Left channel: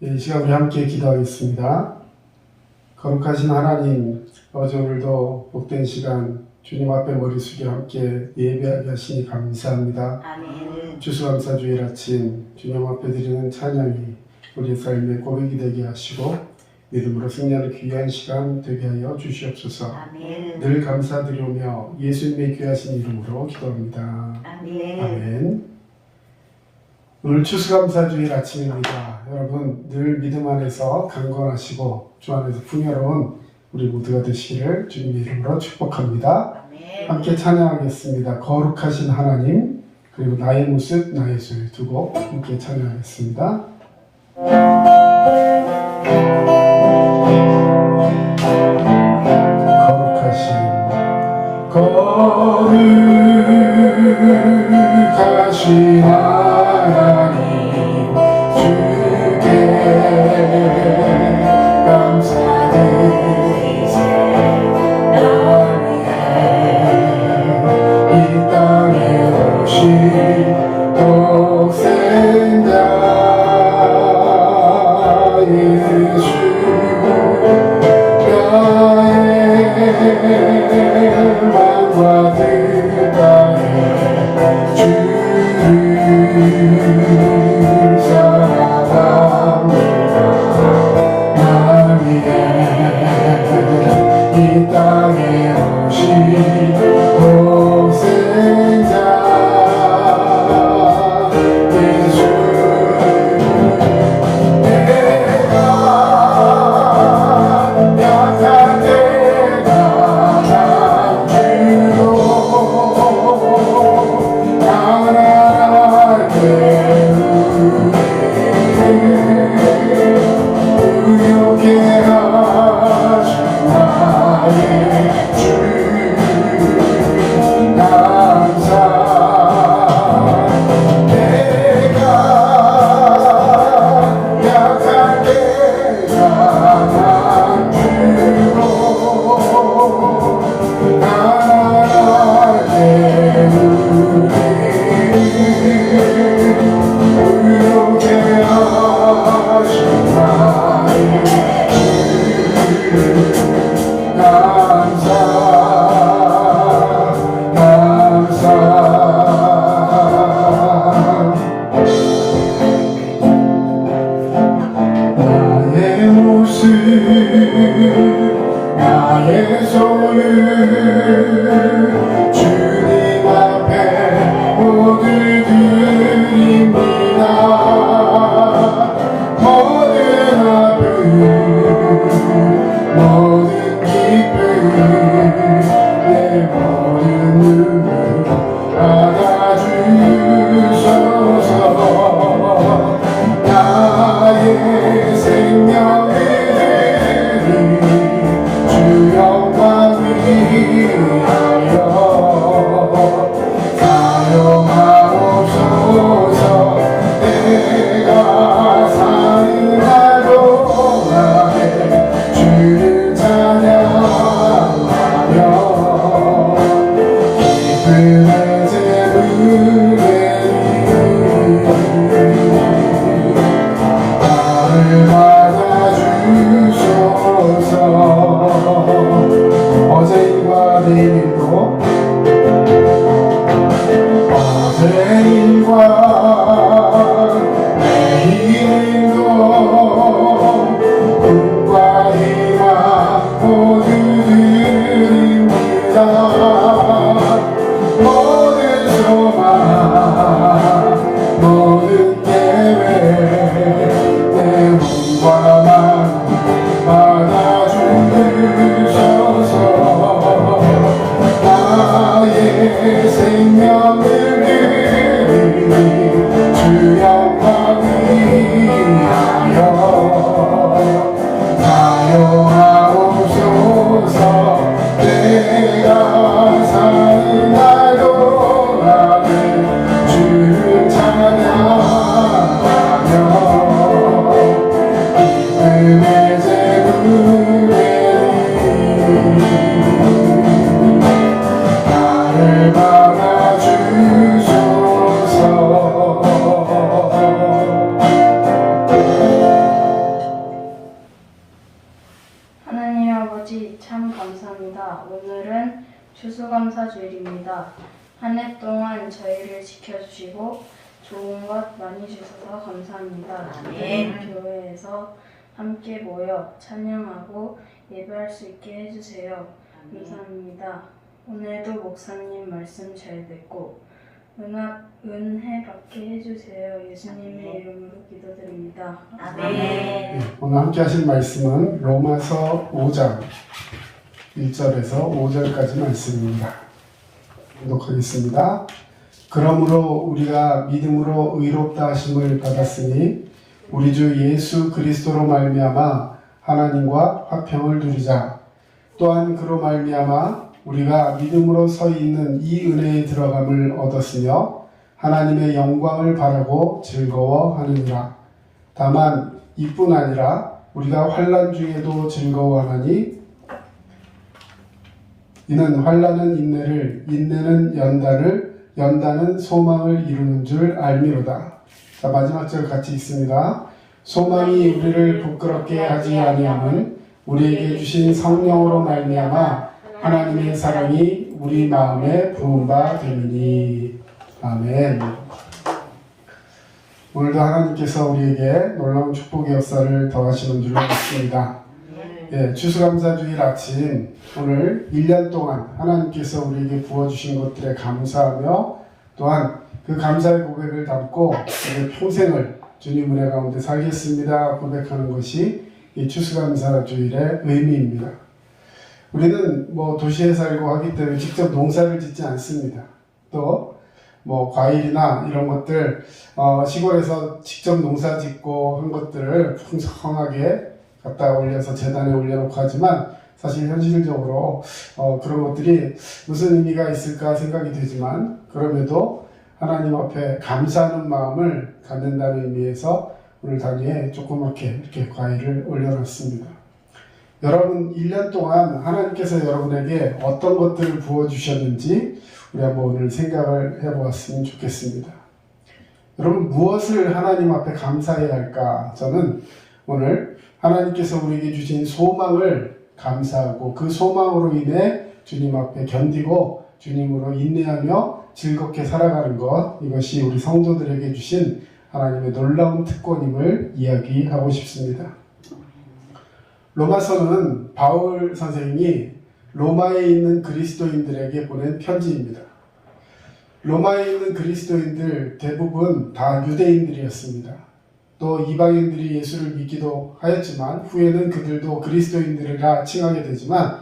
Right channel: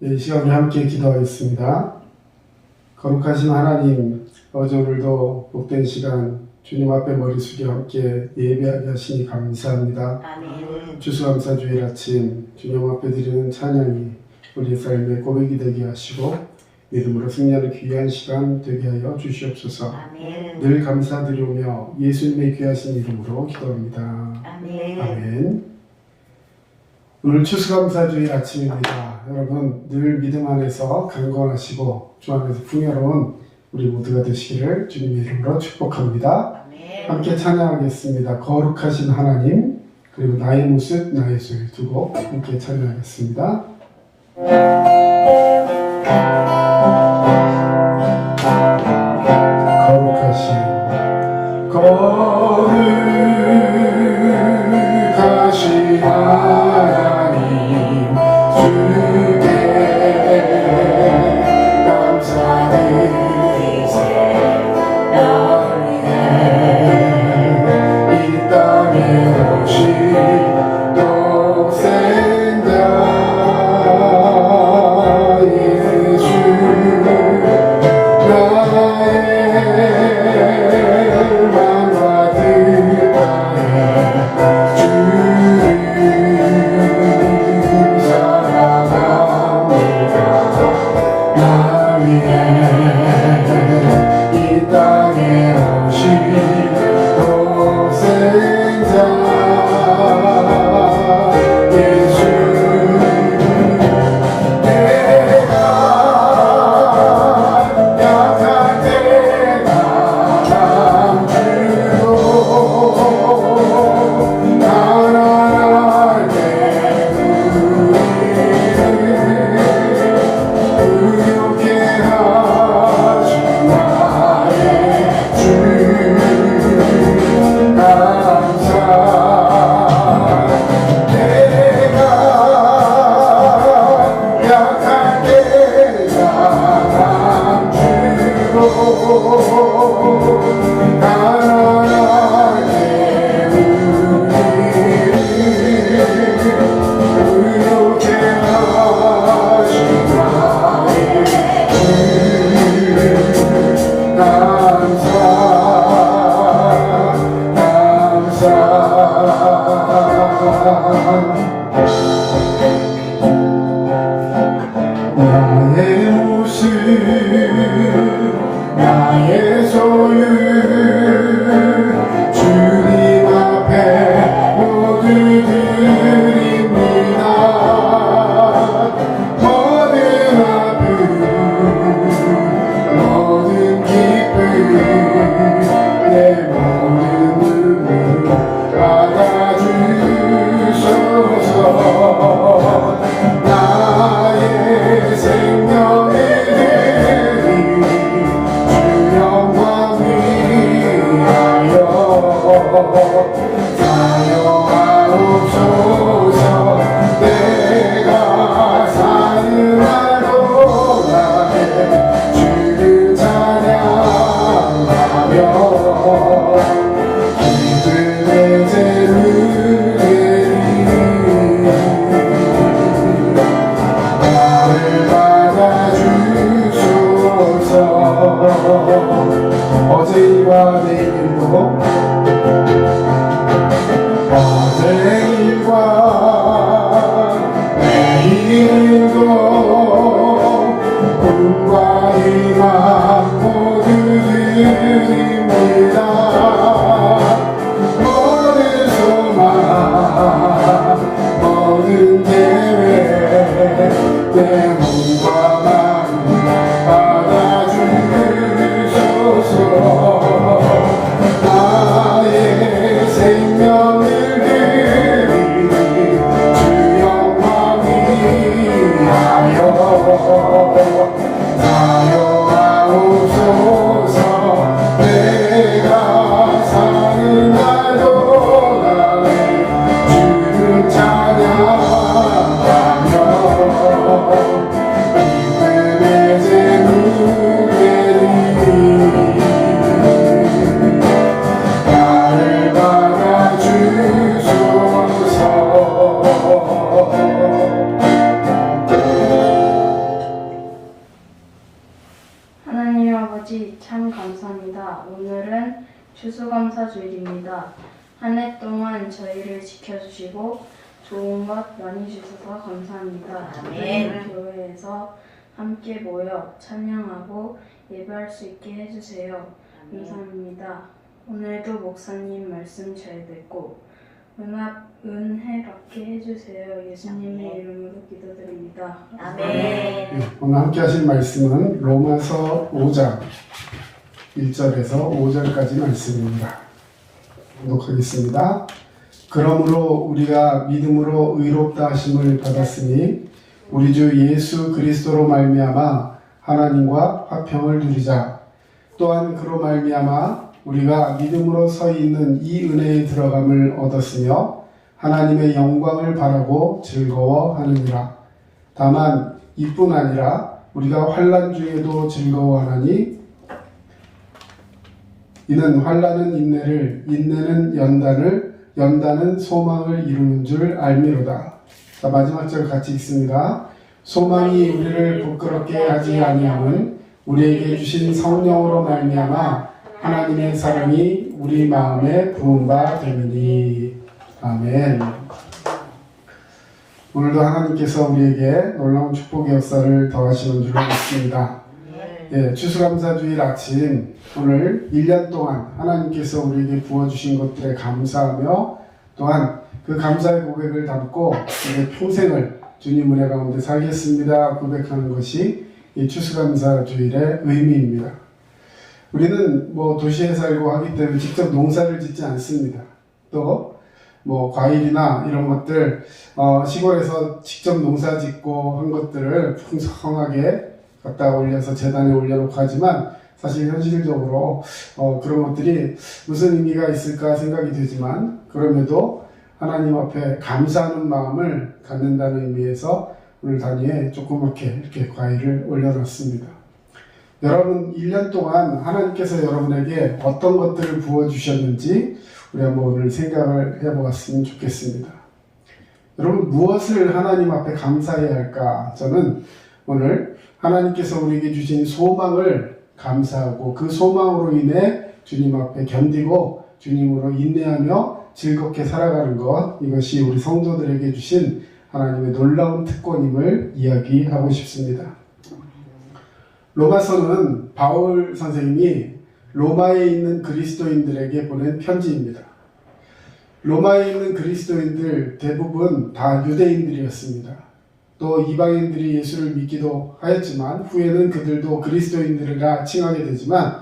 이 시간 우리 함께 기도하겠습니다. 거룩하신 하나님, 어제 오늘도 복된 시간 주님 앞에 머리 숙여 함께 예배하게 하시니 감사합니다. 아멘. 추수감사주일 아침 주님 앞에 드리는 찬양이 우리 삶의 고백이 되게 하시고 믿음으로 승리하는 귀한 시간 되게 하여 주시옵소서. 아멘. 늘 감사드리며 예수님의 귀하신 이름으로 기도합니다. 아멘. 아멘. 오늘 추수감사주일 아침입니다. 여러분 늘 믿음 안에서 강건하시고 주 안에서 풍요로운 우리 모두가 되시기를 주님의 이름으로 축복합니다. 아멘. 함께 찬양하겠습니다. 거룩하신 하나님, 그리고 나의 모습 나의 소리 두 곡 함께 찬양하겠습니다. 거룩하신 하나님, 주께 감사드리세. 날 위해 이 땅에 오신 독생자 예수, 나의 맘과 뜻 다해 주를 감사합니다. 한 해 동안 저희를 지켜주시고 좋은 것 많이 주셔서 감사합니다. 아멘. 교회에서 함께 모여 찬양하고 예배할 수 있게 해주세요. 감사합니다. 오늘도 목사님 말씀 잘 듣고 은혜 받게 해주세요. 예수님의 이름으로 기도드립니다. 아멘. 네, 오늘 함께 하실 말씀은 로마서 5장 1절에서 5절까지 말씀입니다.독하겠습니다. 그러므로 우리가 믿음으로 의롭다 하심을 받았으니 우리 주 예수 그리스도로 말미암아 하나님과 화평을 누리자. 또한 그로 말미암아 우리가 믿음으로 서 있는 이 은혜에 들어감을 얻었으며 하나님의 영광을 바라고 즐거워하느니라. 다만 이뿐 아니라 우리가 환난 중에도 즐거워하나니 이는 환난은 인내를, 인내는 연단을, 연단은 소망을 이루는 줄 알미로다. 자, 마지막 절 같이 읽습니다. 소망이 우리를 부끄럽게 하지 아니함은 우리에게 주신 성령으로 말미암아 하나님의 사랑이 우리 마음에 부은 바 됨이니. 아멘. 오늘도 하나님께서 우리에게 놀라운 축복의 역사를 더하시는 줄 믿습니다. 예, 추수감사주일 아침 오늘 1년 동안 하나님께서 우리에게 부어주신 것들에 감사하며 또한 그 감사의 고백을 담고 이제 평생을 주님 은혜 가운데 살겠습니다 고백하는 것이 이 추수감사주일의 의미입니다. 우리는 도시에 살고 하기 때문에 직접 농사를 짓지 않습니다. 또 과일이나 이런 것들 시골에서 직접 농사 짓고 한 것들을 풍성하게 갖다 올려서 재단에 올려놓고 하지만 사실 현실적으로 그런 것들이 무슨 의미가 있을까 생각이 되지만 그럼에도 하나님 앞에 감사하는 마음을 갖는다는 의미에서 오늘 단위에 조그맣게 이렇게 과일을 올려놨습니다. 여러분 1년 동안 하나님께서 여러분에게 어떤 것들을 부어주셨는지 우리 한번 오늘 생각을 해보았으면 좋겠습니다. 여러분 무엇을 하나님 앞에 감사해야 할까? 저는 오늘 하나님께서 우리에게 주신 소망을 감사하고 그 소망으로 인해 주님 앞에 견디고 주님으로 인내하며 즐겁게 살아가는 것, 이것이 우리 성도들에게 주신 하나님의 놀라운 특권임을 이야기하고 싶습니다. 로마서는 바울 선생님이 로마에 있는 그리스도인들에게 보낸 편지입니다. 로마에 있는 그리스도인들 대부분 다 유대인들이었습니다. 또 이방인들이 예수를 믿기도 하였지만 후에는 그들도 그리스도인들이라 칭하게 되지만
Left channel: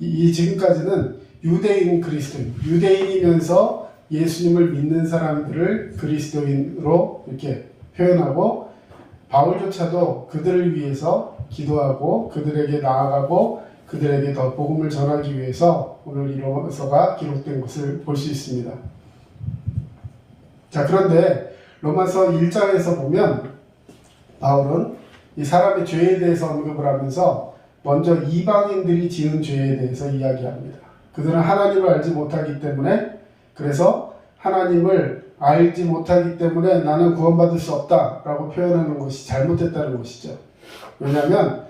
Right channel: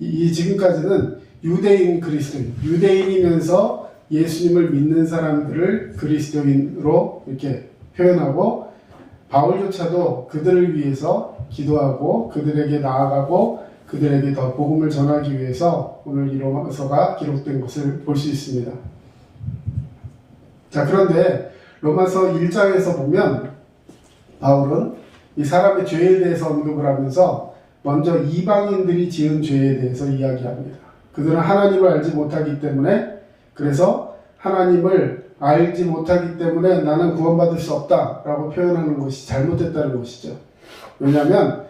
지금까지는 유대인 그리스도인, 유대인이면서 예수님을 믿는 사람들을 그리스도인으로 이렇게 표현하고 바울조차도 그들을 위해서 기도하고 그들에게 나아가고 그들에게 더 복음을 전하기 위해서 오늘 이 로마서가 기록된 것을 볼 수 있습니다. 자, 그런데 로마서 1장에서 보면 바울은 이 사람의 죄에 대해서 언급을 하면서 먼저 이방인들이 지은 죄에 대해서 이야기합니다. 그들은 하나님을 알지 못하기 때문에 그래서 하나님을 알지 못하기 때문에 나는 구원받을 수 없다라고 표현하는 것이 잘못됐다는 것이죠. 왜냐하면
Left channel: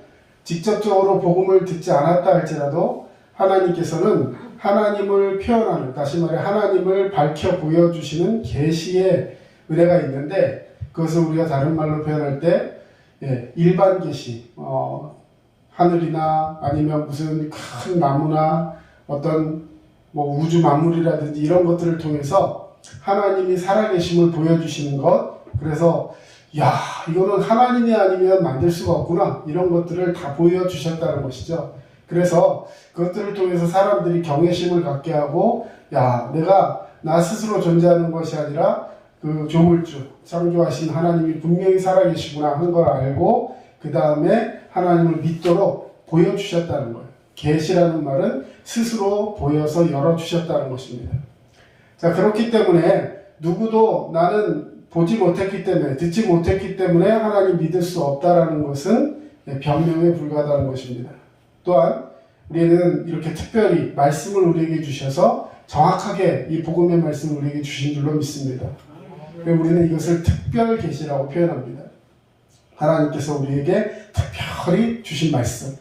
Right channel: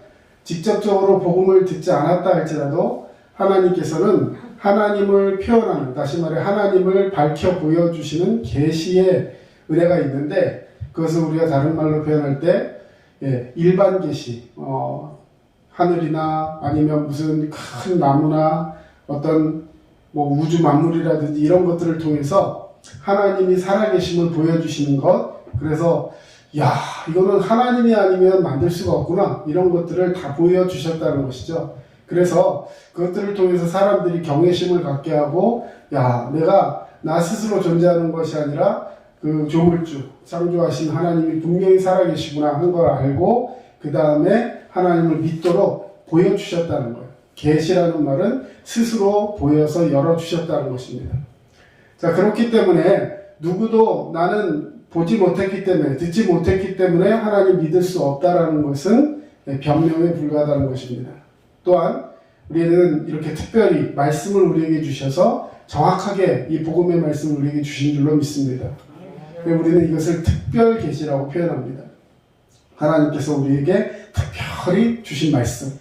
직접적으로 복음을 듣지 않았다 할지라도 하나님께서는 하나님을 표현하는, 다시 말해 하나님을 밝혀 보여주시는 계시의 은혜가 있는데 그것을 우리가 다른 말로 표현할 때 일반 계시, 하늘이나 아니면 무슨 큰 나무나 어떤 우주 만물이라든지 이런 것들을 통해서 하나님이 살아계심을 보여주시는 것, 그래서 이거는 하나님이 아니면 만들 수가 없구나, 이런 것들을 다 보여주셨다는 것이죠. 그래서 그것들을 통해서 사람들이 경외심을 갖게 하고 내가 나 스스로 존재하는 것이 아니라 그 조물주, 창조하신 하나님이 분명히 살아계시구나 한 걸 알고 그 다음에 하나님을 믿도록 보여주셨다는 거예요. 계시라는 말은 스스로 보여서 열어주셨다는 것입니다. 자, 그렇기 때문에 누구도 나는 보지 못했기 때문에, 듣지 못했기 때문에 하나님 믿을 수 없다라는 것은 변명에 불과하다는 것입니다. 또한 우리는 이렇게 특별히 말씀을 우리에게 주셔서 정확하게 이 복음의 말씀을 우리에게 주신 줄로 믿습니다. 우리는 이것을 특별 계시라고 표현합니다. 하나님께서 우리에게 특별히 주신 말씀,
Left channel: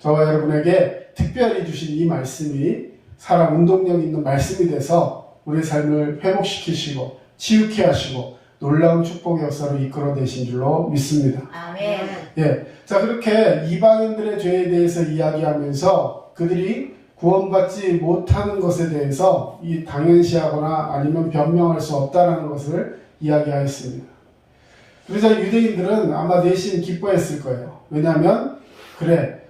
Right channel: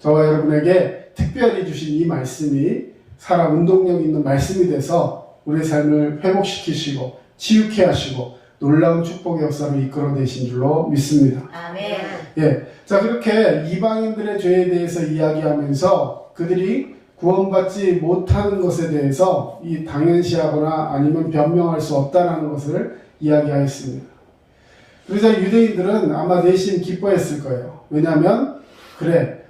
저와 여러분에게 특별히 주신 이 말씀이 살아 운동력 있는 말씀이 돼서 우리의 삶을 회복시키시고 치유케 하시고 놀라운 축복의 역사로 이끌어내신 줄로 믿습니다. 아멘. 예, 자 그렇게 이방인들의 죄에 대해서 이야기하면서 그들이 구원받지 못하는 것에 대해서 이 당연시하거나 아니면 변명할 수 없다라는 것을 이야기하였습니다. 그러자 유대인들은 아마 내심 기뻐했을 거예요. 왜냐하면 그래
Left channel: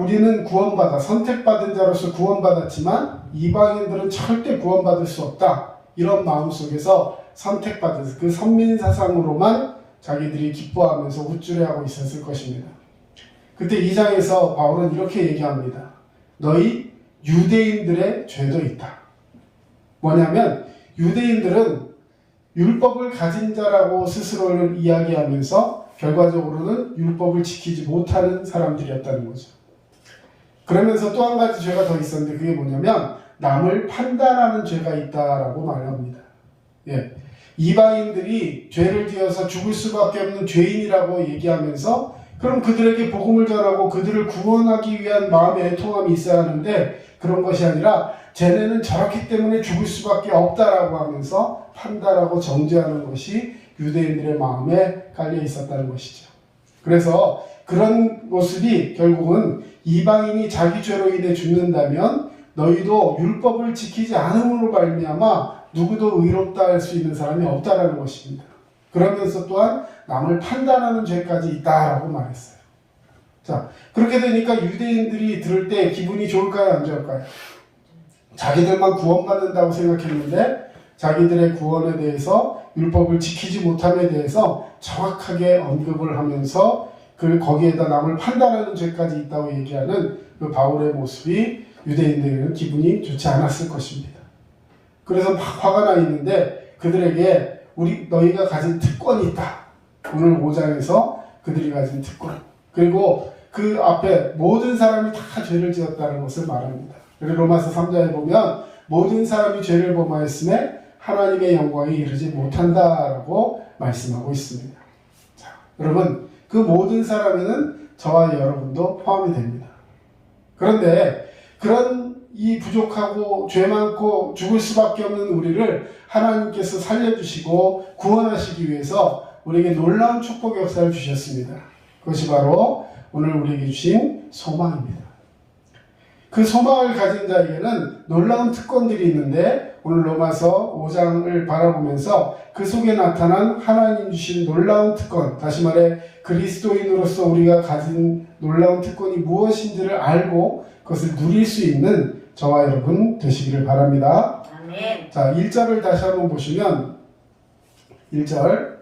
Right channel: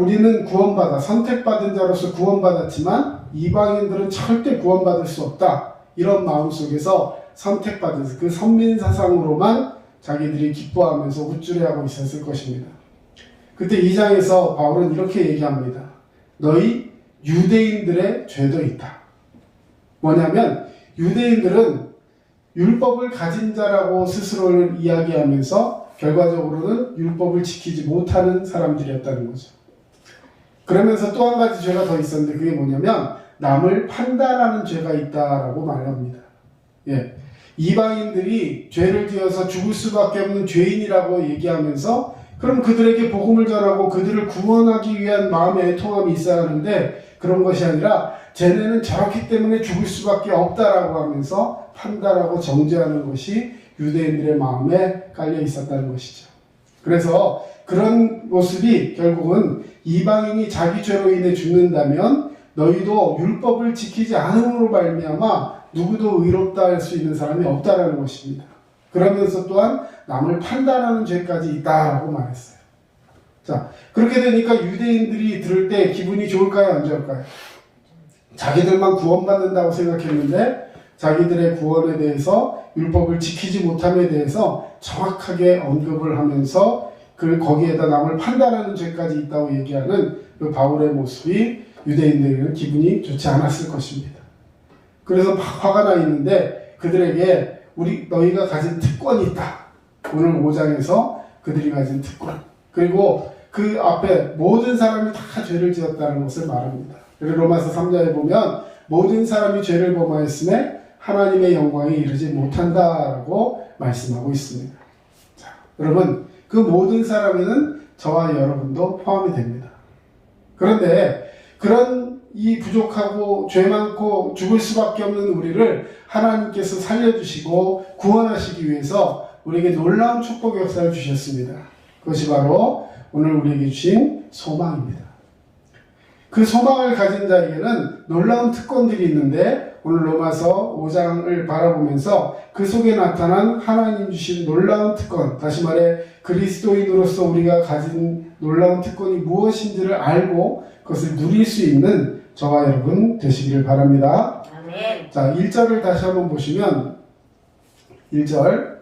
우리는 구원받아 선택받은 자로서 구원받았지만 이방인들은 절대 구원받을 수 없다. 이런 마음 속에서 선택받은 그 선민사상으로만 자기들이 기뻐하면서 우쭐해하고 있었을 것입니다. 그때 2장에서 바울은 이렇게 얘기합니다. 너희 유대인들의 죄도 있다. 뭐냐면 유대인들은 율법을 가진 자라고 스스로를 이야기하면서 결과적으로는 율법을 지키지 못하는 사람들이었다는 거죠. 그러면서 또 한 가지 죄가 더 있었는데 그게 뭐냐면 남을 판단하는 죄가 있다라고 말합니다. 예. 이방인들이 죄를 지어서 죽을 수밖에 없는 죄인이라고 얘기하면서 그럼 그들에게 복음을 전하고 그들을 구원하기 위한 마음의 애통함이 있어야 하는데 그런 것이 아니라 쟤네는 저렇기 때문에 죽을 수밖에 없다라고 하면서 판단하고 정죄하는 것이 유대인들의 마음에 깔려 있었다는 것이죠. 그래서 그런 모습이 결국은 이방인이 자기 죄로 인해 죽는다면 너희도 율법을 지키지 않음으로 말미암아 누구도 의롭다 할 수 있는 사람이 없다라는 것입니다. 그러면서 또한 남을 판단하는 죄까지 있다라고 말했어요. 자, 그렇게 되니까 유대인들이 들을 때 기분이 좋을까요? 안 좋을까요? 자기들만 구원받는다고 생각했는데 자기들의 구원에 대해서 율법을 지키지 못함에 대해서 정확하게 언급을 하면서 거기에다 남을 판단하는 죄까지 있다고 얘기하는 그 바울의 모습이 유대인들에게는 기분이 좋지 않았을 것입니다. 그래서 막 화가 나 있는데 그들에게 너희가 가진 특권이 있다. 오늘 5장에서 그들이 가진 특권. 그리고 그 앞에 모든 사람이 다 죄를 지었다는 것을 말합니다. 그리고 로마서 3장에 보면 모든 사람이 죄를 범하였음에 하나님의 영광에 이르지 못한다라고 말씀하고 있습니다. 자, 여러분 그 모든 사람에는 저와 여러분도 포함이 됩니다. 그런데 그런 이 부족하고 죄 많고 죽을 수밖에 없는 우리를 하나님께서 살려주시고 구원하시기 위해서 우리에게 놀라운 축복의 역사를 주셨습니다. 그것이 바로 오늘 우리에게 주신 소망입니다. 그 소망을 가진 자에게는 놀라운 특권들이 있는데 오늘 로마서 5장을 바라보면서 그 속에 나타난 하나님 주신 놀라운 특권, 다시 말해 그리스도인으로서 우리가 가진 놀라운 특권이 무엇인지를 알고 그것을 누릴 수 있는 저와 여러분 되시기를 바랍니다. 아멘. 자, 1절을 다시 한번 보시면 1절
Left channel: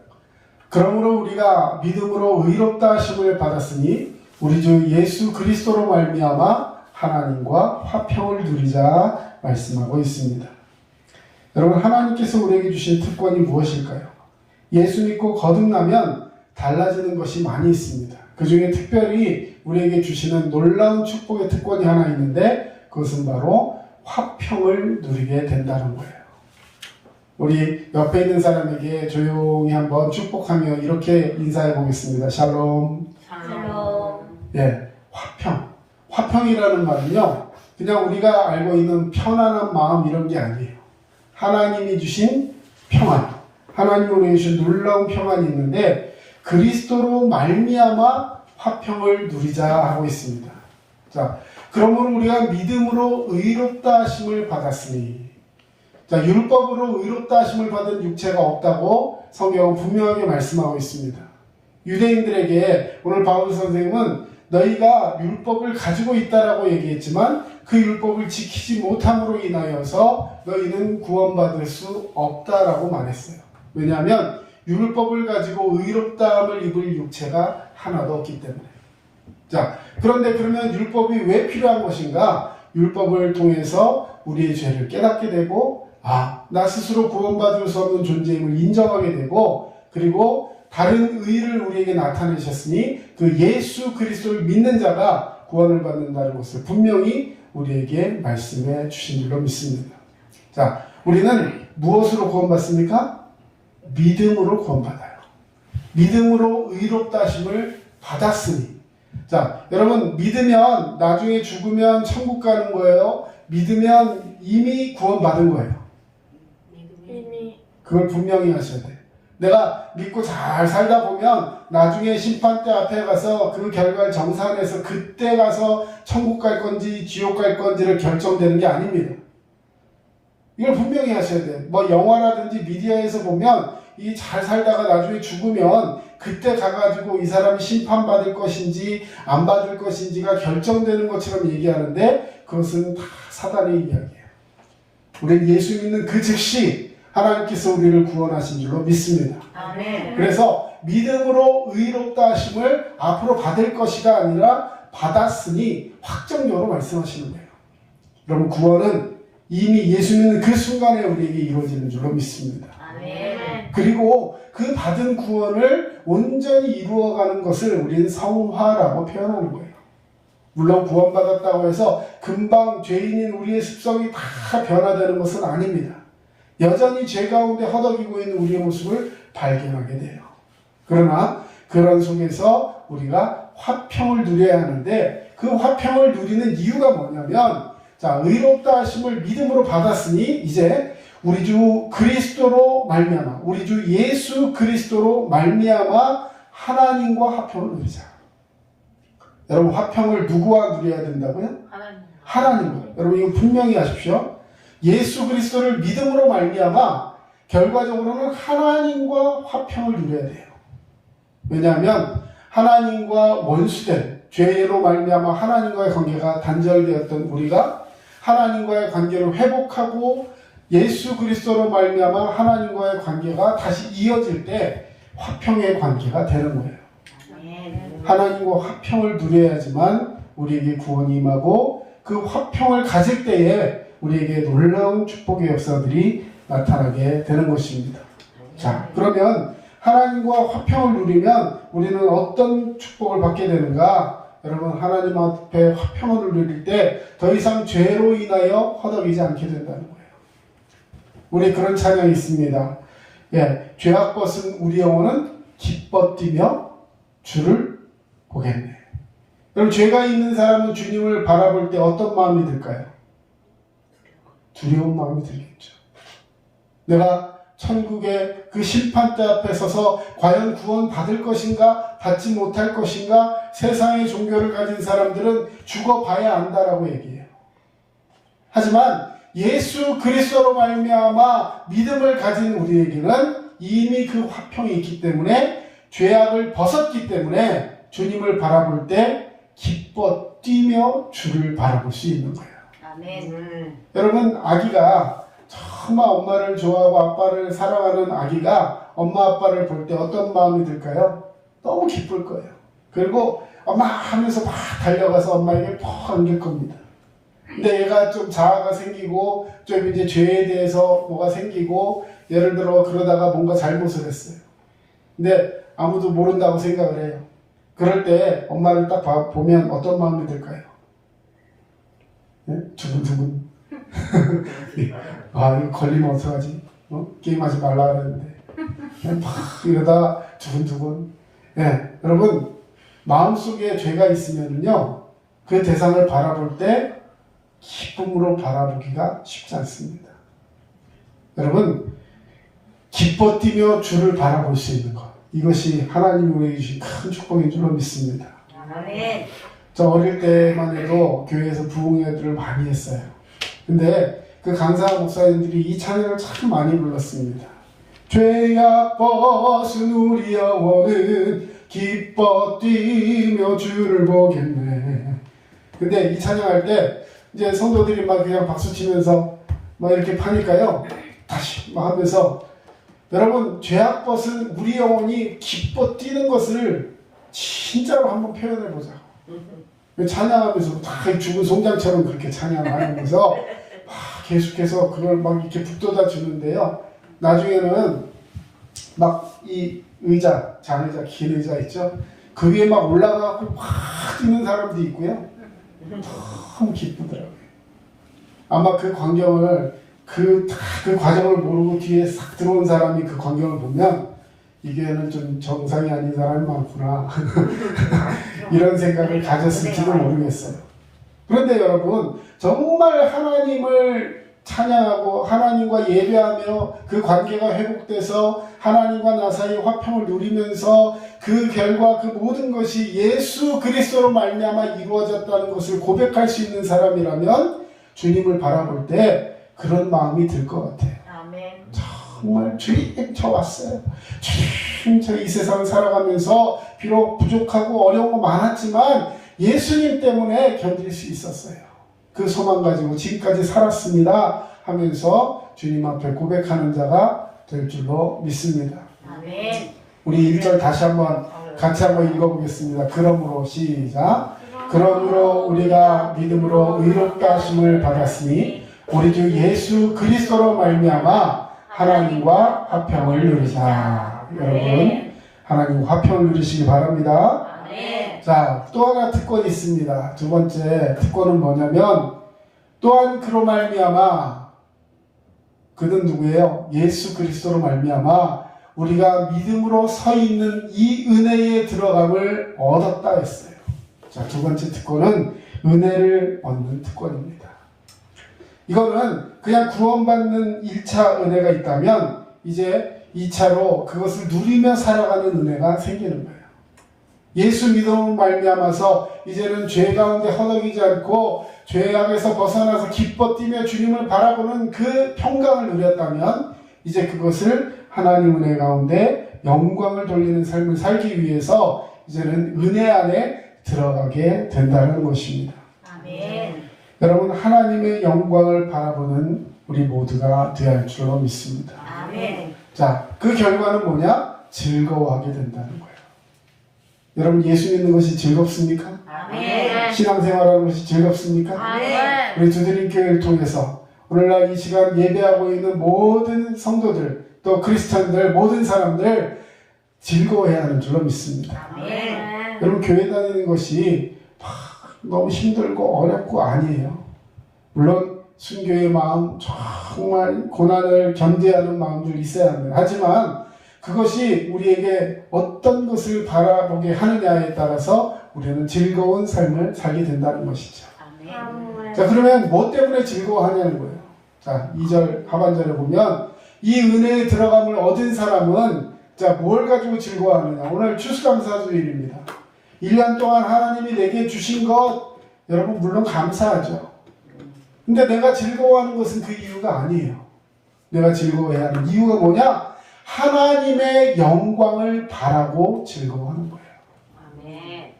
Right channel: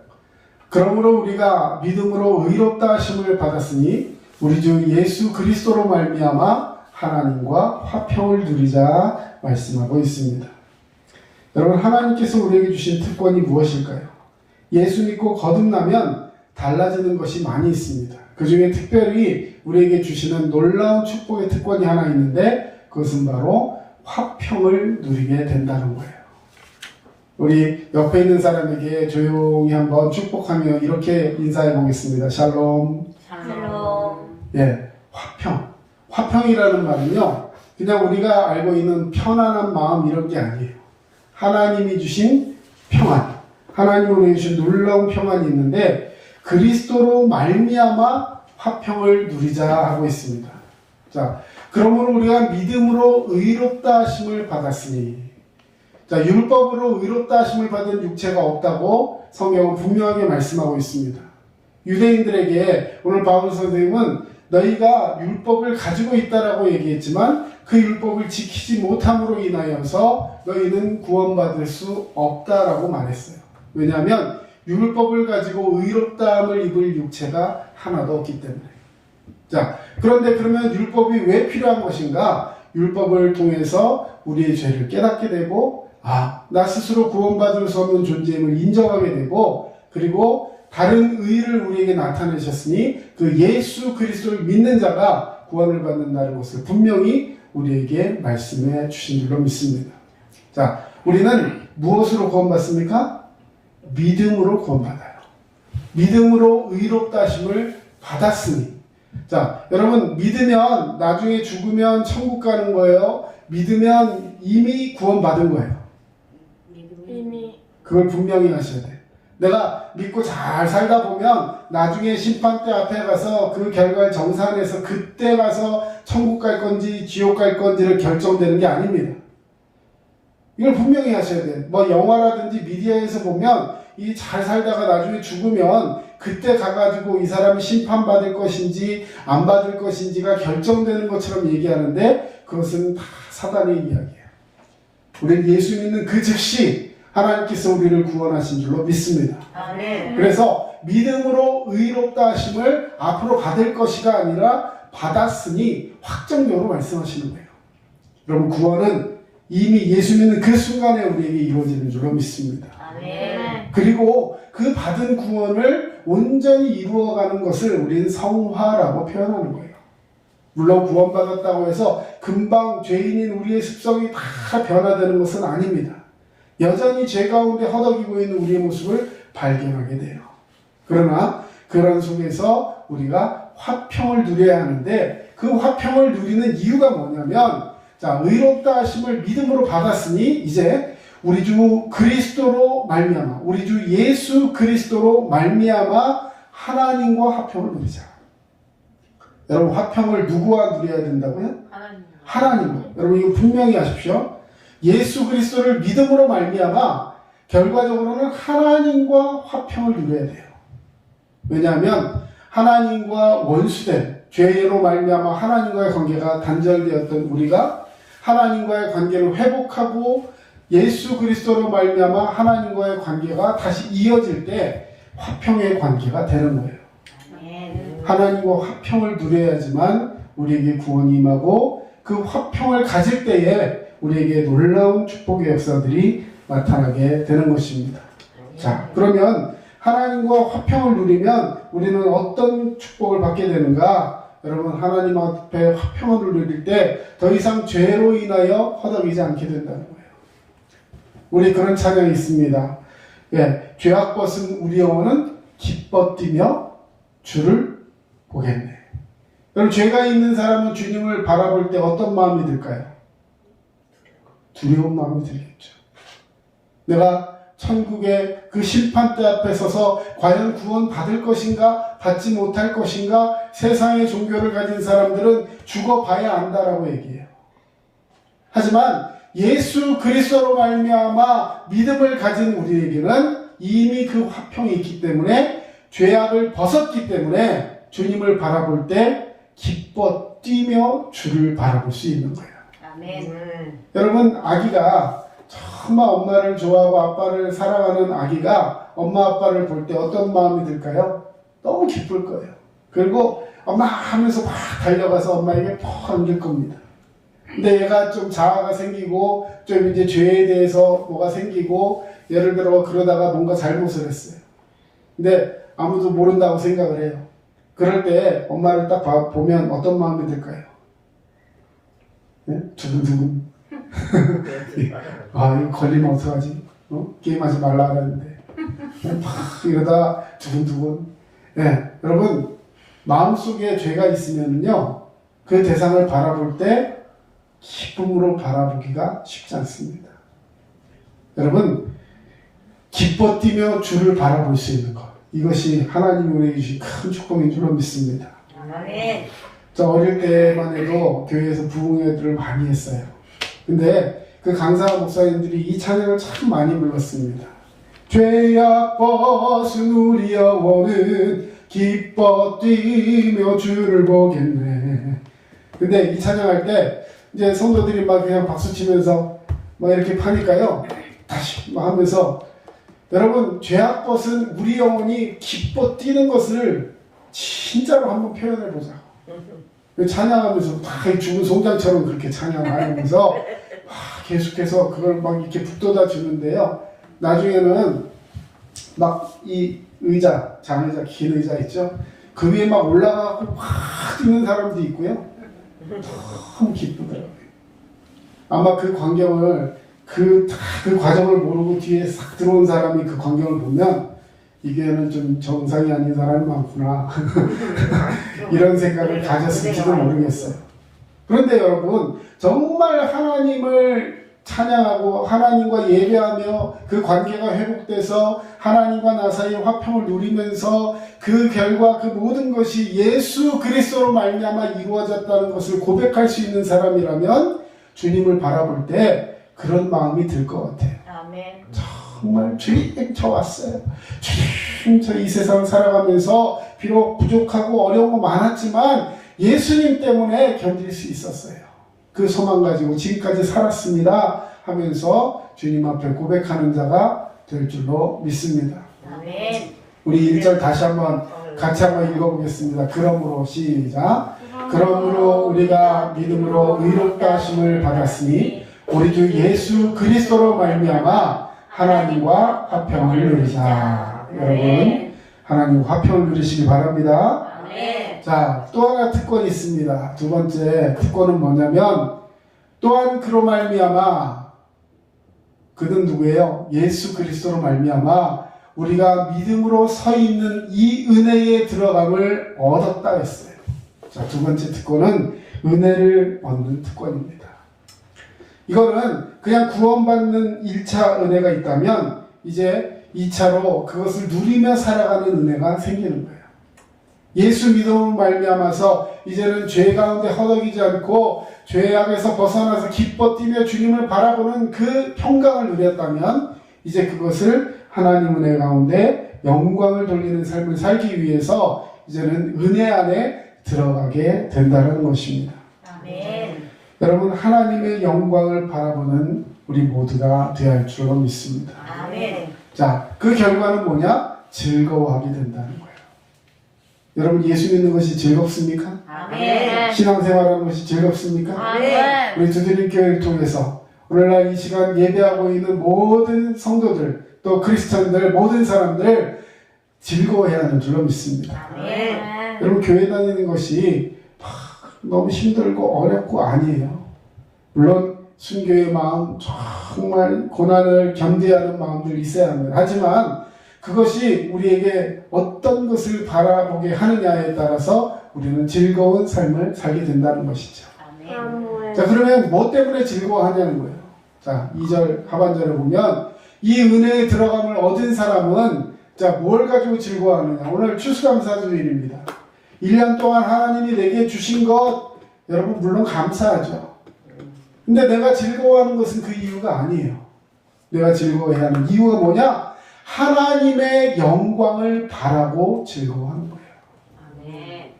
그러므로 우리가 믿음으로 의롭다 하심을 받았으니 우리 주 예수 그리스도로 말미암아 하나님과 화평을 누리자 말씀하고 있습니다. 여러분 하나님께서 우리에게 주신 특권이 무엇일까요? 예수 믿고 거듭나면 달라지는 것이 많이 있습니다. 그 중에 특별히 우리에게 주시는 놀라운 축복의 특권이 하나 있는데 그것은 바로 화평을 누리게 된다는 거예요. 우리 옆에 있는 사람에게 조용히 한번 축복하며 이렇게 인사해 보겠습니다. 샬롬. 샬롬. 예, 화평. 화평이라는 말은요, 그냥 우리가 알고 있는 편안한 마음 이런 게 아니에요. 하나님이 주신 평안, 하나님이 우리에게 주신 놀라운 평안이 있는데 그리스도로 말미암아 화평을 누리자 하고 있습니다. 자, 그러므로 우리가 믿음으로 의롭다 하심을 받았으니, 자, 율법으로 의롭다 하심을 받은 육체가 없다고 성경은 분명하게 말씀하고 있습니다. 유대인들에게 오늘 바울 선생님은 너희가 율법을 가지고 있다라고 얘기했지만 그 율법을 지키지 못함으로 인하여서 너희는 구원받을 수 없다라고 말했어요. 왜냐하면 율법을 가지고 의롭다함을 입을 육체가 하나도 없기 때문에. 자, 그런데 그러면 율법이 왜 필요한 것인가? 율법을 통해서 우리의 죄를 깨닫게 되고 나 스스로 구원받을 수 없는 존재임을 인정하게 되고 그리고 다른 의를 우리에게 나타내셨으니 그 예수 그리스도를 믿는 자가 구원을 받는다는 것을 분명히 우리에게 말씀해 주신 줄로 믿습니다. 자, 우리는 무엇으로 구원받습니까? 믿음으로 구원받아요. 믿음으로 의롭다 하심을 받았으니. 자, 여러분 믿으면 나중에 죽으면 천국 가는 거예요? 믿으면 이미 구원받은 거예요. 이미 그걸 분명히 하셔야 돼. 내가 믿고 잘 살다 보면 나중에 심판대 앞에 가서 그 결과를 정산해서 그때 가서 천국 갈 건지 지옥 갈 건지를 결정되는 게 아닙니다. 이걸 분명히 하셔야 돼. 뭐 영화라든지 미디어에서 보면 이 잘 살다가 나중에 죽으면 그때 가가지고 이 사람이 심판받을 것인지 안 받을 것인지가 결정되는 것처럼 얘기하는데 그것은 다 사단의 이야기예요. 우리 예수 믿는 그 즉시 하나님께서 우리를 구원하신 줄로 믿습니다. 아멘. 그래서 믿음으로 의롭다 하심을 앞으로 받을 것이가 아니라 받았으니 확정적으로 말씀하시는 거예요. 여러분 구원은 이미 예수 믿는 그 순간에 우리에게 이루어지는 줄로 믿습니다. 아멘. 그리고 그 받은 구원을 온전히 이루어가는 것을 우리는 성화라고 표현하는 거예요. 물론 구원받았다고 해서 금방 죄인인 우리의 습성이 다 변화되는 것은 아닙니다. 여전히 죄 가운데 허덕이고 있는 우리의 모습을 발견하게 돼요. 그러나 그런 속에서 우리가 화평을 누려야 하는데 그 화평을 누리는 이유가 뭐냐면 자, 의롭다 하심을 믿음으로 받았으니 이제 우리 주 그리스도로 말미암아 우리 주 예수 그리스도로 말미암아 하나님과 화평을 누리자. 여러분 화평을 누구와 누려야 된다고요? 하나님과. 여러분 이거 분명히 하십시오. 예수 그리스도를 믿음으로 말미암아 결과적으로는 하나님과 화평을 누려야 돼요. 왜냐하면 하나님과 원수된 죄로 말미암아 하나님과의 관계가 단절되었던 우리가 하나님과의 관계를 회복하고 예수 그리스도로 말미암아 하나님과의 관계가 다시 이어질 때 화평의 관계가 되는 거예요. 하나님과 화평을 누려야지만 우리에게 구원이 임하고 그 화평을 가질 때에 우리에게 놀라운 축복의 역사들이 나타나게 되는 것입니다. 자, 그러면 하나님과 화평을 누리면 우리는 어떤 축복을 받게 되는가? 여러분 하나님 앞에 화평을 누릴 때 더 이상 죄로 인하여 허덕이지 않게 된다는 거예요. 우리 그런 찬양이 있습니다. 예, 죄악 벗은 우리 영혼은 기뻐 뛰며 주를 보겠네. 그럼 죄가 있는 사람은 주님을 바라볼 때 어떤 마음이 들까요? 두려운 마음이 들겠죠. 내가 천국의 그 심판대 앞에 서서 과연 구원 받을 것인가 받지 못할 것인가 세상의 종교를 가진 사람들은 죽어봐야 안다라고 얘기해요. 하지만 예수 그리스도로 말미암아 믿음을 가진 우리에게는 이미 그 화평이 있기 때문에 죄악을 벗었기 때문에 주님을 바라볼 때 기뻐 뛰며 주를 바라볼 수 있는 거예요. 아멘. 여러분 아기가 정말 엄마를 좋아하고 아빠를 사랑하는 아기가 엄마 아빠를 볼 때 어떤 마음이 들까요? 너무 기쁠 거예요. 그리고 엄마 하면서 막 달려가서 엄마에게 푹 안길 겁니다. 근데 얘가 좀 자아가 생기고 좀 이제 죄에 대해서 뭐가 생기고 예를 들어 그러다가 뭔가 잘못을 했어요. 근데 아무도 모른다고 생각을 해요. 그럴 때 엄마를 딱 보면 어떤 마음이 들까요? 네? 두근두근. 아 이거 걸리면 어떡하지? 게임하지 말라 그랬는데 막 이러다가 두근두근. 네, 여러분 마음속에 죄가 있으면은요 그 대상을 바라볼 때 기쁨으로 바라보기가 쉽지 않습니다. 여러분 기뻐 뛰며 주를 바라볼 수 있는 것 이것이 하나님이 우리에게 주신 큰 축복인 줄로 믿습니다. 아멘. 저 어릴 때만 해도 교회에서 부흥회들을 많이 했어요. 근데 그 강사 목사님들이 이 찬양을 참 많이 불렀습니다. 죄악 벗은 우리 영혼은 기뻐 뛰며 주를 보겠네. 근데 이 찬양할 때 이제 성도들이 막 그냥 박수 치면서 막 이렇게 파니까요. 다시 막 하면서 여러분 죄악 벗은 우리 영혼이 기뻐 뛰는 것을 진짜로 한번 표현해 보자. 찬양하면서 다 죽은 송장처럼 그렇게 찬양하면서 계속해서 그걸 막 이렇게 북돋아 주는데요. 나중에는 막 이 의자, 장의자, 긴 의자 있죠. 그 위에 막 올라가고 막 뛰는 사람도 있고요. 너무 기쁘더라고요. 아마 그 광경을 그 과정을 모르고 뒤에 싹 들어온 사람이 그 광경을 보면 이 교회는 좀 정상이 아닌 사람이 많구나 이런 생각을 가졌을지도 모르겠어요. 그런데 여러분, 정말 하나님을 찬양하고 하나님과 예배하며 그 관계가 회복돼서 하나님과 나 사이 화평을 누리면서 그 결과 그 모든 것이 예수 그리스도로 말미암아 이루어졌다는 것을 고백할 수 있는 사람이라면 주님을 바라볼 때 그런 마음이 들 것 같아요. 아멘. 정말 주님 저 왔어요. 주님 저 이 세상 살아가면서 비록 부족하고 어려운 거 많았지만 예수님 때문에 견딜 수 있었어요. 그 소망 가지고 지금까지 살았습니다 하면서 주님 앞에 고백하는 자가 될 줄로 믿습니다. 아멘. 우리 1절 다시 한번 같이 한번 읽어보겠습니다. 그러므로 시작. 그러므로 우리가 믿음으로 의롭다 하심을 받았으니 우리 주 예수 그리스도로 말미암아 하나님과 화평을 누리자. 여러분 하나님과 화평을 누리시기 바랍니다. 아멘. 자, 또 하나 특권이 있습니다. 두 번째 특권은 뭐냐면 또한 그로 말미암아 그는 누구예요? 예수 그리스도로 말미암아 우리가 믿음으로 서 있는 이 은혜에 들어감을 얻었다 했어요. 자, 두 번째 특권은 은혜를 얻는 특권입니다. 이거는 그냥 구원받는 1차 은혜가 있다면 이제 2차로 그것을 누리며 살아가는 은혜가 생기는 거예요. 예수 믿음으로 말미암아서 이제는 죄 가운데 허덕이지 않고 죄악에서 벗어나서 기뻐 뛰며 주님을 바라보는 그 평강을 누렸다면 이제 그것을 하나님 은혜 가운데 영광을 돌리는 삶을 살기 위해서 이제는 은혜 안에 들어가게 된다는 것입니다. 아멘. 여러분 하나님의 영광을 바라보는 우리 모두가 되어야 할 줄로 믿습니다. 아멘. 자, 그 결과는 뭐냐? 즐거워하게 된다는 거예요. 여러분 예수 믿는 것이 즐겁습니까? 아멘. 신앙생활하는 것이 즐겁습니까? 아멘. 우리 두드림 교회를 통해서 오늘날 이 시간 예배하고 있는 모든 성도들 또 크리스천들 모든 사람들 즐거워해야 하는 줄로 믿습니다. 아멘. 여러분 교회 다니는 것이 너무 힘들고 어렵고 아니에요. 물론 순교의 마음 정말 고난을 견디하는 마음들 있어야 합니다. 하지만 그것이 우리에게 어떤 것을 바라보게 하느냐에 따라서 우리는 즐거운 삶을 살게 된다는 것이죠. 아멘. 자, 그러면 뭐 때문에 즐거워하냐는 거예요. 자, 2절 하반절에 보면 이 은혜에 들어감을 얻은 사람은 자, 뭘 가지고 즐거워하느냐. 오늘 추수감사주일입니다. 1년 동안 하나님이 내게 주신 것 여러분 물론 감사하죠. 근데 내가 즐거워하는 것은 그 이유가 아니에요. 내가 즐거워해야 하는 이유가 뭐냐? 하나님의 영광을 바라고 즐거워하는 거예요. 아멘.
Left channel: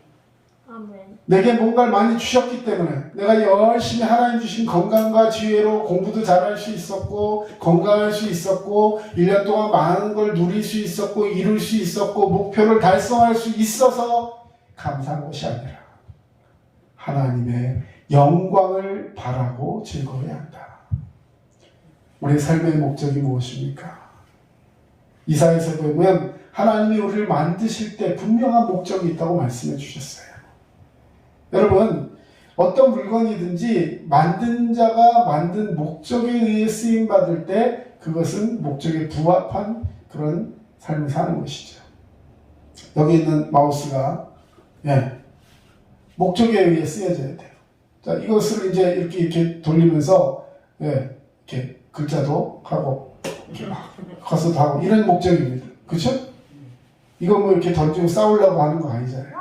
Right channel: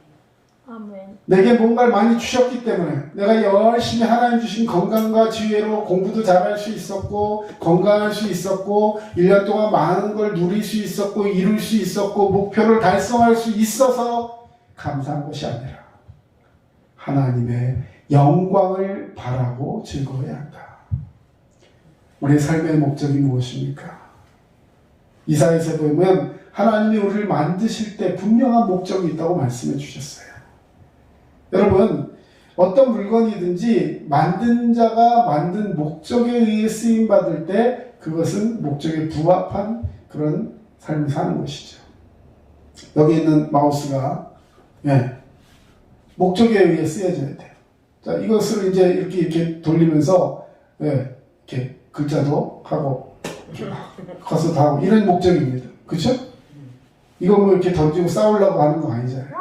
아멘. 내게 뭔가를 많이 주셨기 때문에 내가 열심히 하나님 주신 건강과 지혜로 공부도 잘할 수 있었고 건강할 수 있었고 1년 동안 많은 걸 누릴 수 있었고 이룰 수 있었고 목표를 달성할 수 있어서 감사한 것이 아니라 하나님의 영광을 바라고 즐거워해야 한다. 우리의 삶의 목적이 무엇입니까? 이사야에서 보면 하나님이 우리를 만드실 때 분명한 목적이 있다고 말씀해 주셨어요. 여러분 어떤 물건이든지 만든 자가 만든 목적에 의해 쓰임받을 때 그것은 목적에 부합한 그런 삶을 사는 것이죠. 여기 있는 마우스가 목적에 의해 쓰여져야 돼요. 자, 이것을 이제 이렇게 돌리면서 이렇게 글자도 하고 커서도 하고 이런 목적입니다. 그렇죠? 이거 뭐 이렇게 던지고 싸우려고 하는 거 아니잖아요.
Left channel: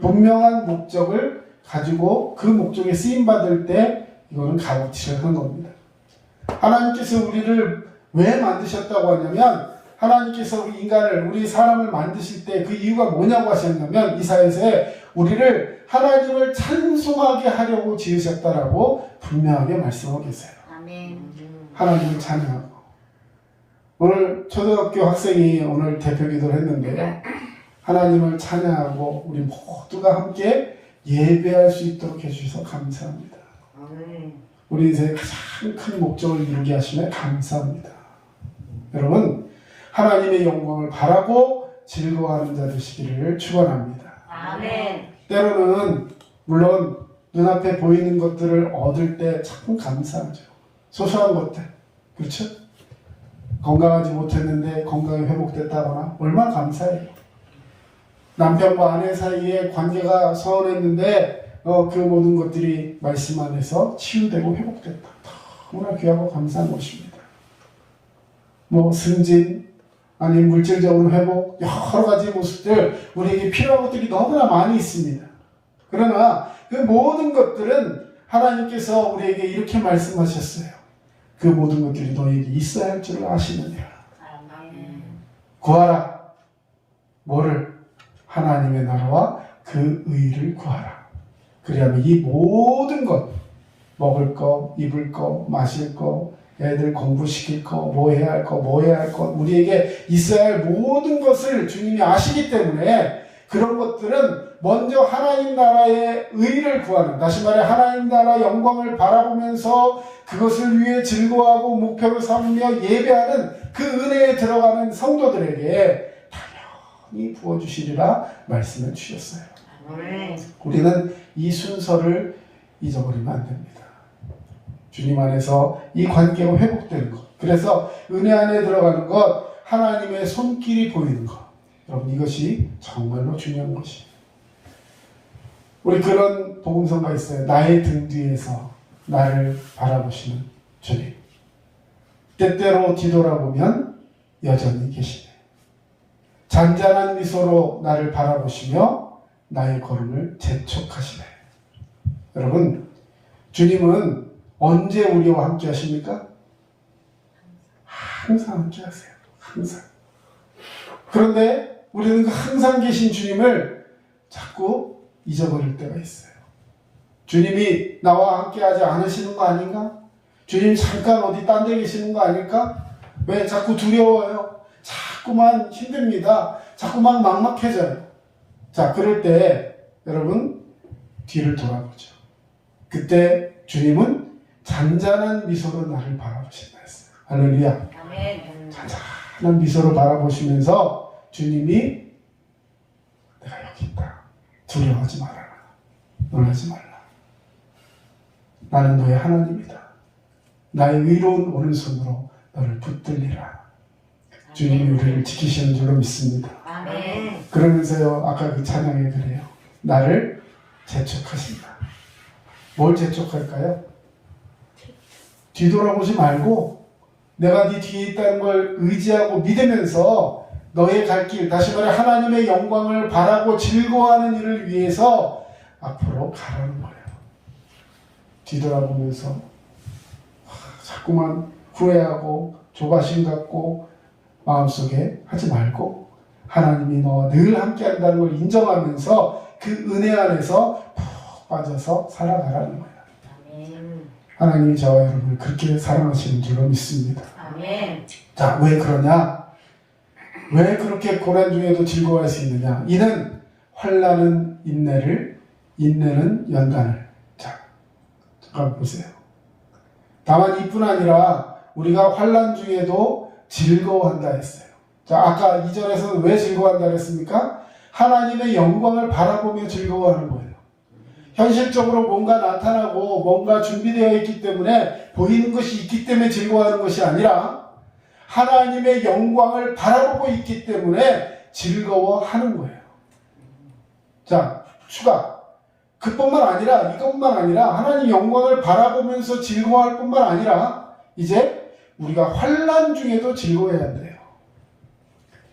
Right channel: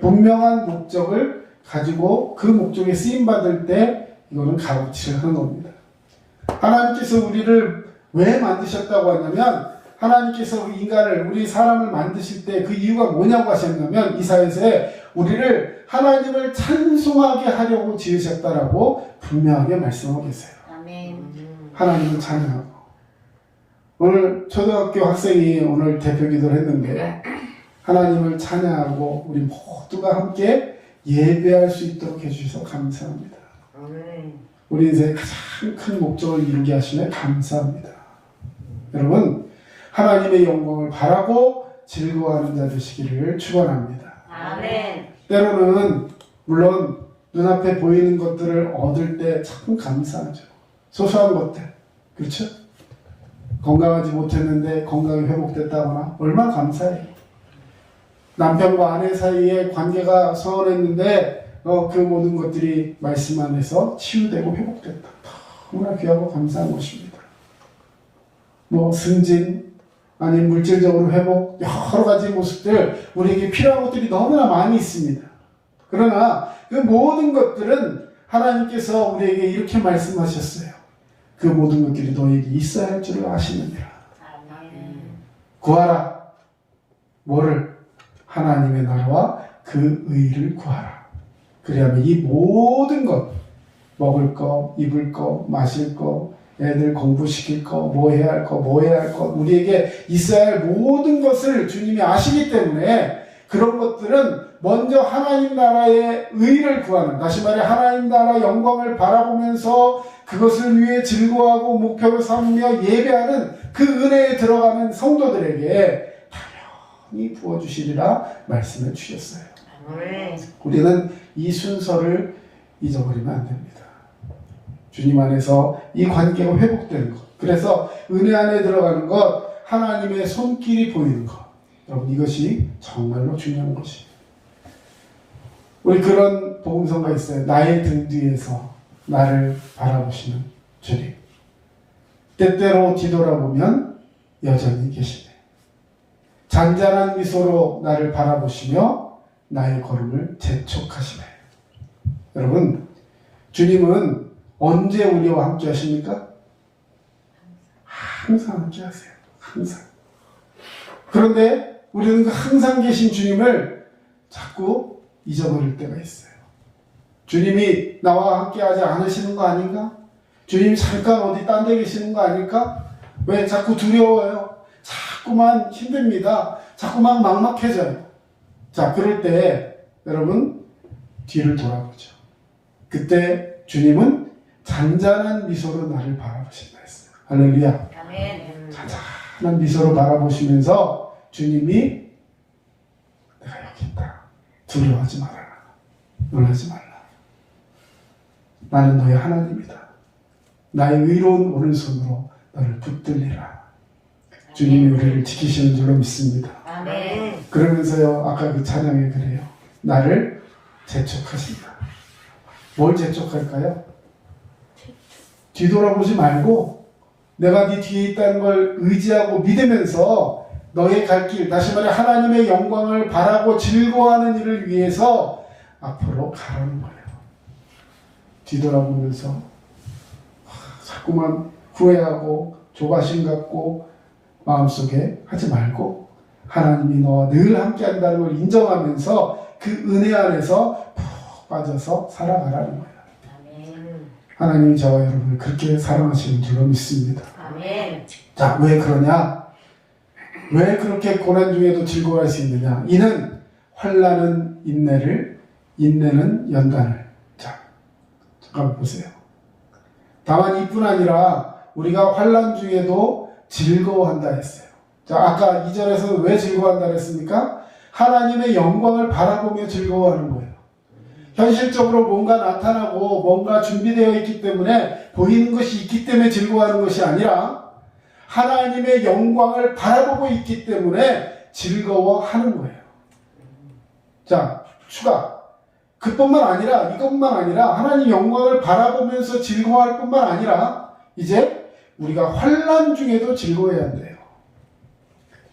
분명한 목적을 가지고 그 목적에 쓰임 받을 때 이거는 값어치를 하는 겁니다. 하나님께서 우리를 왜 만드셨다고 하냐면 하나님께서 인간을 우리 사람을 만드실 때 그 이유가 뭐냐고 하셨냐면 이사야서에 우리를 하나님을 찬송하게 하려고 지으셨다라고 분명하게 말씀하고 계세요. 아멘. 하나님을 찬양하고 오늘 초등학교 학생이 오늘 대표 기도를 했는데 하나님을 찬양하고 우리 모두가 함께 예배할 수 있도록 해주셔서 감사합니다. 우리 인생의 가장 큰 목적을 이루게 하시네 감사합니다. 여러분 하나님의 영광을 바라고 즐거워하는 자 되시기를 축원합니다. 아멘. 때로는 물론 눈앞에 보이는 것들을 얻을 때 참 감사하죠. 소소한 것들 그렇죠? 건강하지 못했는데 건강이 회복됐다거나 얼마나 감사해요. 남편과 아내 사이에 관계가 서운했는데 그 모든 것들이 말씀 안에서 치유되고 회복됐다. 정말 귀하고 감사한 것입니다. 뭐 승진, 아니면 물질적으로 회복, 여러 가지 모습들, 우리에게 필요한 것들이 너무나 많이 있습니다. 그러나 그 모든 것들은 하나님께서 우리에게 이렇게 말씀하셨어요. 그 모든 것들이 너에게 있어야 할 줄을 아시느니라. 구하라. 뭐를? 하나님의 나라와 그 의를 구하라. 그리하면 이 모든 것, 먹을 거, 입을 거, 마실 거, 애들 공부시킬 거, 뭐 해야 할 거, 우리에게 있어야 할 모든 것을 주님이 아시기 때문에 그런 것들은 먼저 하나님 나라의 의를 구하는, 다시 말해 하나님 나라 영광을 바라보면서 그것을 위해 즐거워하고 목표로 삼으며 예배하는 그 은혜에 들어가는 성도들에게 당연히 부어주시리라 말씀을 주셨어요. 우리는 이 순서를 잊어버리면 안 됩니다. 주님 안에서 이 관계가 회복되는 것, 그래서 은혜 안에 들어가는 것, 하나님의 손길이 보이는 것, 여러분 이것이 정말로 중요한 것이에요. 우리 그런 복음성가 있어요. 나의 등 뒤에서 나를 바라보시는 주님. 때때로 뒤돌아보면 여전히 계시네. 잔잔한 미소로 나를 바라보시며 나의 걸음을 재촉하시네. 여러분, 주님은 언제 우리와 함께 하십니까? 항상 함께 하세요. 항상. 그런데 우리는 그 항상 계신 주님을 자꾸 잊어버릴 때가 있어요. 주님이 나와 함께 하지 않으시는 거 아닌가? 주님이 잠깐 어디 딴 데 계시는 거 아닐까? 왜 자꾸 두려워요? 자꾸만 힘듭니다. 자꾸만 막막해져요. 자, 그럴 때 여러분 뒤를 돌아보죠. 그때 주님은 잔잔한 미소로 나를 바라보신다 했어요. 할렐루야. 아멘. 잔잔한 미소로 바라보시면서 주님이 내가 여기 있다. 두려워하지 말아라. 놀라지 말라. 나는 너의 하나님이다. 나의 의로운 오른손으로 너를 붙들리라. 주님이 우리를 지키시는 줄로 믿습니다. 아멘. 그러면서요, 아까 그 찬양에 그래요. 나를 재촉하신다. 뭘 재촉할까요? 뒤돌아보지 말고 내가 네 뒤에 있다는 걸 의지하고 믿으면서 너의 갈 길, 다시 말해 하나님의 영광을 바라고 즐거워하는 일을 위해서 앞으로 가라는 거예요. 뒤돌아보면서 자꾸만 후회하고 조바심 갖고 마음속에 하지 말고 하나님이 너와 늘 함께 한다는 걸 인정하면서 그 은혜 안에서 푹 빠져서 살아가라는 거예요. 아멘. 하나님이 저와 여러분을 그렇게 사랑하시는 줄로 믿습니다. 아멘. 자, 왜 그러냐? 왜 그렇게 고난 중에도 즐거워할 수 있느냐? 이는 환난은 인내를, 인내는 연단을. 자, 잠깐 보세요. 다만 이뿐 아니라 우리가 환난 중에도 즐거워한다 했어요. 자, 아까 2절에서 왜 즐거워한다 했습니까? 하나님의 영광을 바라보며 즐거워하는 거예요. 현실적으로 뭔가 나타나고 뭔가 준비되어 있기 때문에 보이는 것이 있기 때문에 즐거워하는 것이 아니라 하나님의 영광을 바라보고 있기 때문에 즐거워하는 거예요. 자, 추가. 그뿐만 아니라, 이것만 아니라 하나님 영광을 바라보면서 즐거워할 뿐만 아니라 이제 우리가 환난 중에도 즐거워해야 한대요.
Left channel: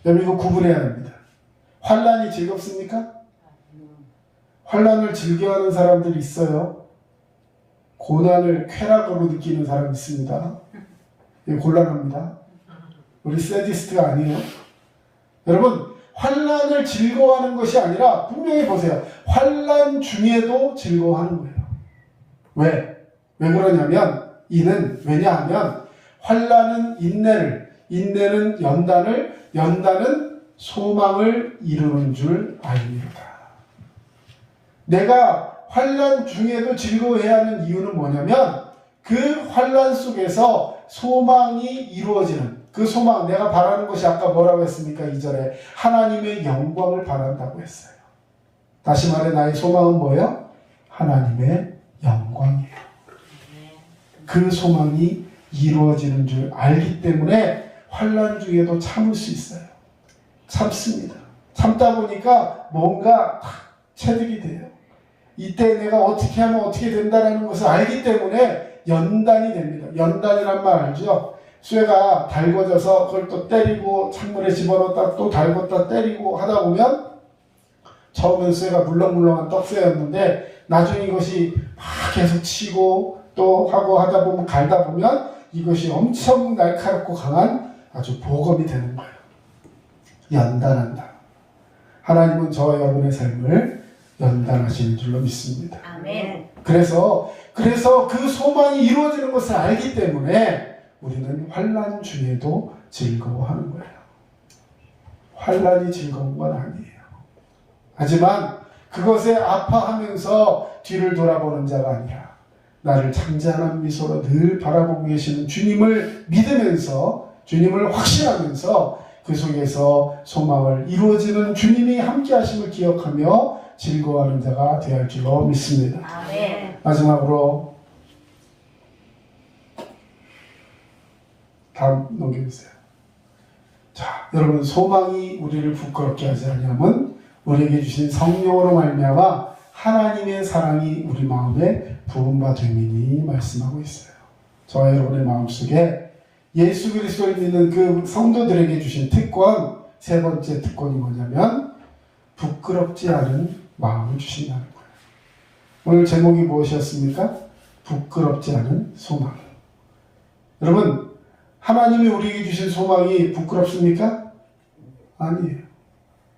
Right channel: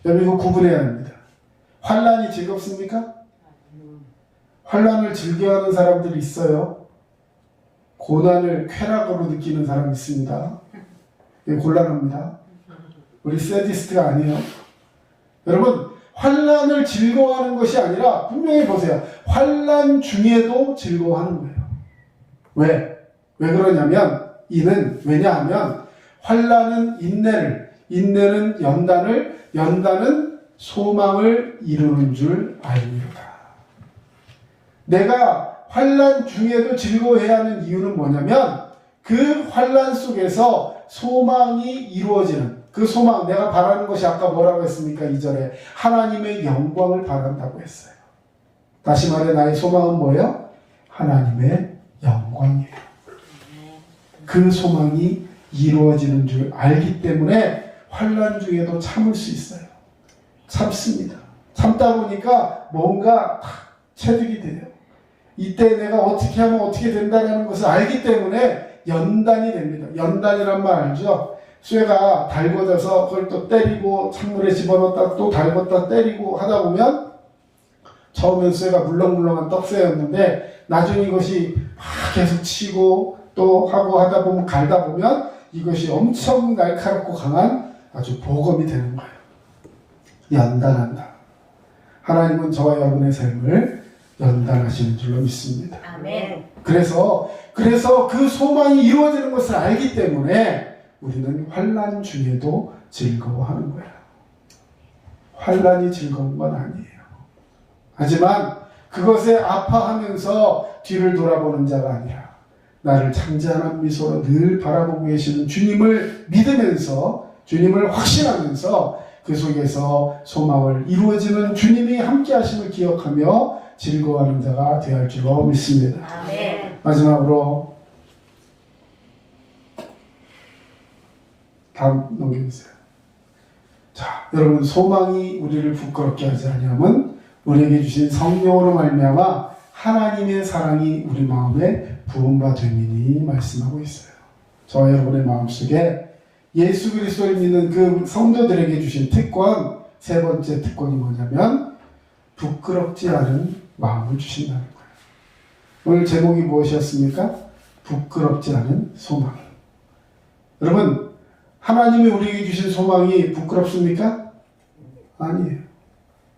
여러분 이거 구분해야 합니다. 환난이 즐겁습니까? 환난을 즐겨하는 사람들이 있어요. 고난을 쾌락으로 느끼는 사람이 있습니다. 이게 곤란합니다. 우리 세디스트가 아니에요. 여러분 환난을 즐거워하는 것이 아니라 분명히 보세요. 환난 중에도 즐거워하는 거예요. 왜? 왜 그러냐면 이는 왜냐하면 환난은 인내를, 인내는 연단을, 연단은 소망을 이루는 줄 알미로다. 내가 환난 중에도 즐거워해야 하는 이유는 뭐냐면 그 환난 속에서 소망이 이루어지는 그 소망, 내가 바라는 것이 아까 뭐라고 했습니까? 2절에 하나님의 영광을 바란다고 했어요. 다시 말해 나의 소망은 뭐예요? 하나님의 영광이에요. 그 소망이 이루어지는 줄 알기 때문에 환난 중에도 참을 수 있어요. 참습니다. 참다 보니까 뭔가 체득이 돼요. 이때 내가 어떻게 하면 어떻게 된다라는 것을 알기 때문에 연단이 됩니다. 연단이란 말 알죠? 쇠가 달궈져서 그걸 또 때리고 찬물에 집어넣었다 또 달궜다 때리고 하다 보면 처음엔 쇠가 물렁물렁한 떡쇠였는데 나중에 이것이 막 계속 치고 또 하고 하다 보면 갈다 보면 이것이 엄청 날카롭고 강한 아주 보검이 되는 거예요. 연단한다. 하나님은 저와 여러분의 삶을 연단하시는 줄로 믿습니다. 아멘. 그래서 그 소망이 이루어지는 것을 알기 때문에 우리는 환난 중에도 즐거워하는 거예요. 환난이 즐거운 건 아니에요. 하지만 그것에 아파하면서 뒤를 돌아보는 자가 아니라 나를 창자한 미소로 늘 바라보고 계시는 주님을 믿으면서 주님을 확신하면서 그 속에서 소망을 이루어지는 주님이 함께 하심을 기억하며 즐거워하는 자가 되어야 할 줄로 믿습니다. 아멘. 마지막으로 다음 넘겨주세요. 자, 여러분 소망이 우리를 부끄럽게 하지 않으면 우리에게 주신 성령으로 말미암아 하나님의 사랑이 우리 마음에 부음바 되니니 말씀하고 있어요. 저와 여러분의 마음속에 예수 그리스도를 믿는 그 성도들에게 주신 특권, 세 번째 특권이 뭐냐면 부끄럽지 않은 마음을 주신다는 거예요. 오늘 제목이 무엇이었습니까? 부끄럽지 않은 소망. 여러분, 하나님이 우리에게 주신 소망이 부끄럽습니까? 아니에요.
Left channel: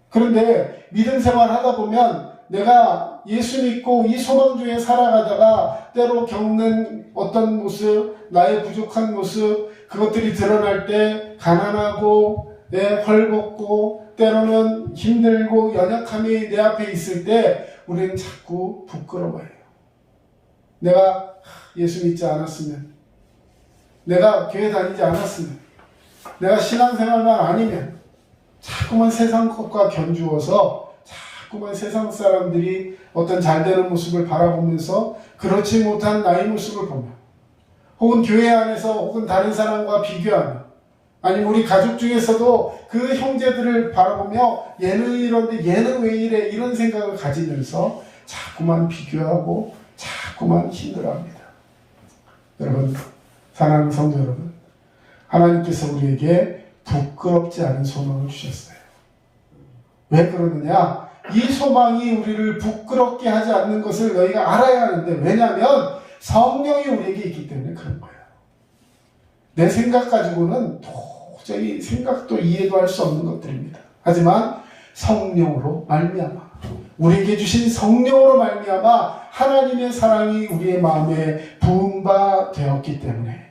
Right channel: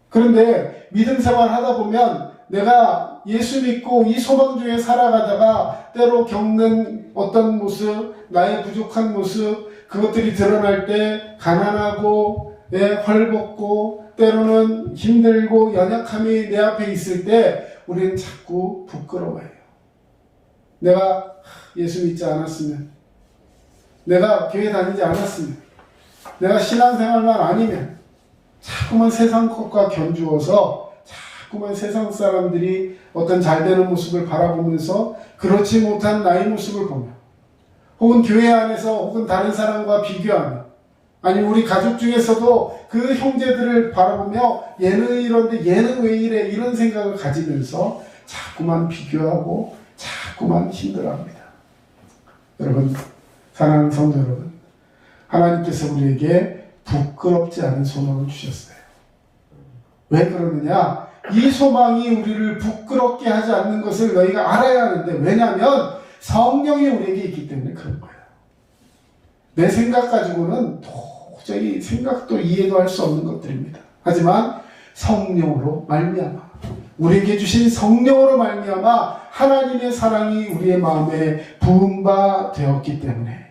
그런데 믿음 생활 하다 보면 내가 예수 믿고 이 소망 중에 살아가다가 때로 겪는 어떤 모습, 나의 부족한 모습, 그것들이 드러날 때 가난하고 헐벗고 때로는 힘들고 연약함이 내 앞에 있을 때 우리는 자꾸 부끄러워해요. 내가 예수 믿지 않았으면, 내가 교회 다니지 않았으면, 내가 신앙생활만 아니면 자꾸만 세상 것과 견주어서 자꾸만 세상 사람들이 어떤 잘되는 모습을 바라보면서 그렇지 못한 나의 모습을 보며 혹은 교회 안에서 혹은 다른 사람과 비교하며 아니면 우리 가족 중에서도 그 형제들을 바라보며 얘는 이런데 얘는 왜 이래 이런 생각을 가지면서 자꾸만 비교하고 자꾸만 힘들어합니다. 여러분, 사랑하는 성도 여러분, 하나님께서 우리에게 부끄럽지 않은 소망을 주셨어요. 왜 그러느냐? 이 소망이 우리를 부끄럽게 하지 않는 것을 너희가 알아야 하는데, 왜냐하면 성령이 우리에게 있기 때문에 그런 거예요. 내 생각 가지고는 도저히 생각도 이해도 할 수 없는 것들입니다. 하지만 성령으로 말미암아, 우리에게 주신 성령으로 말미암아 하나님의 사랑이 우리의 마음에 부음바 되었기 때문에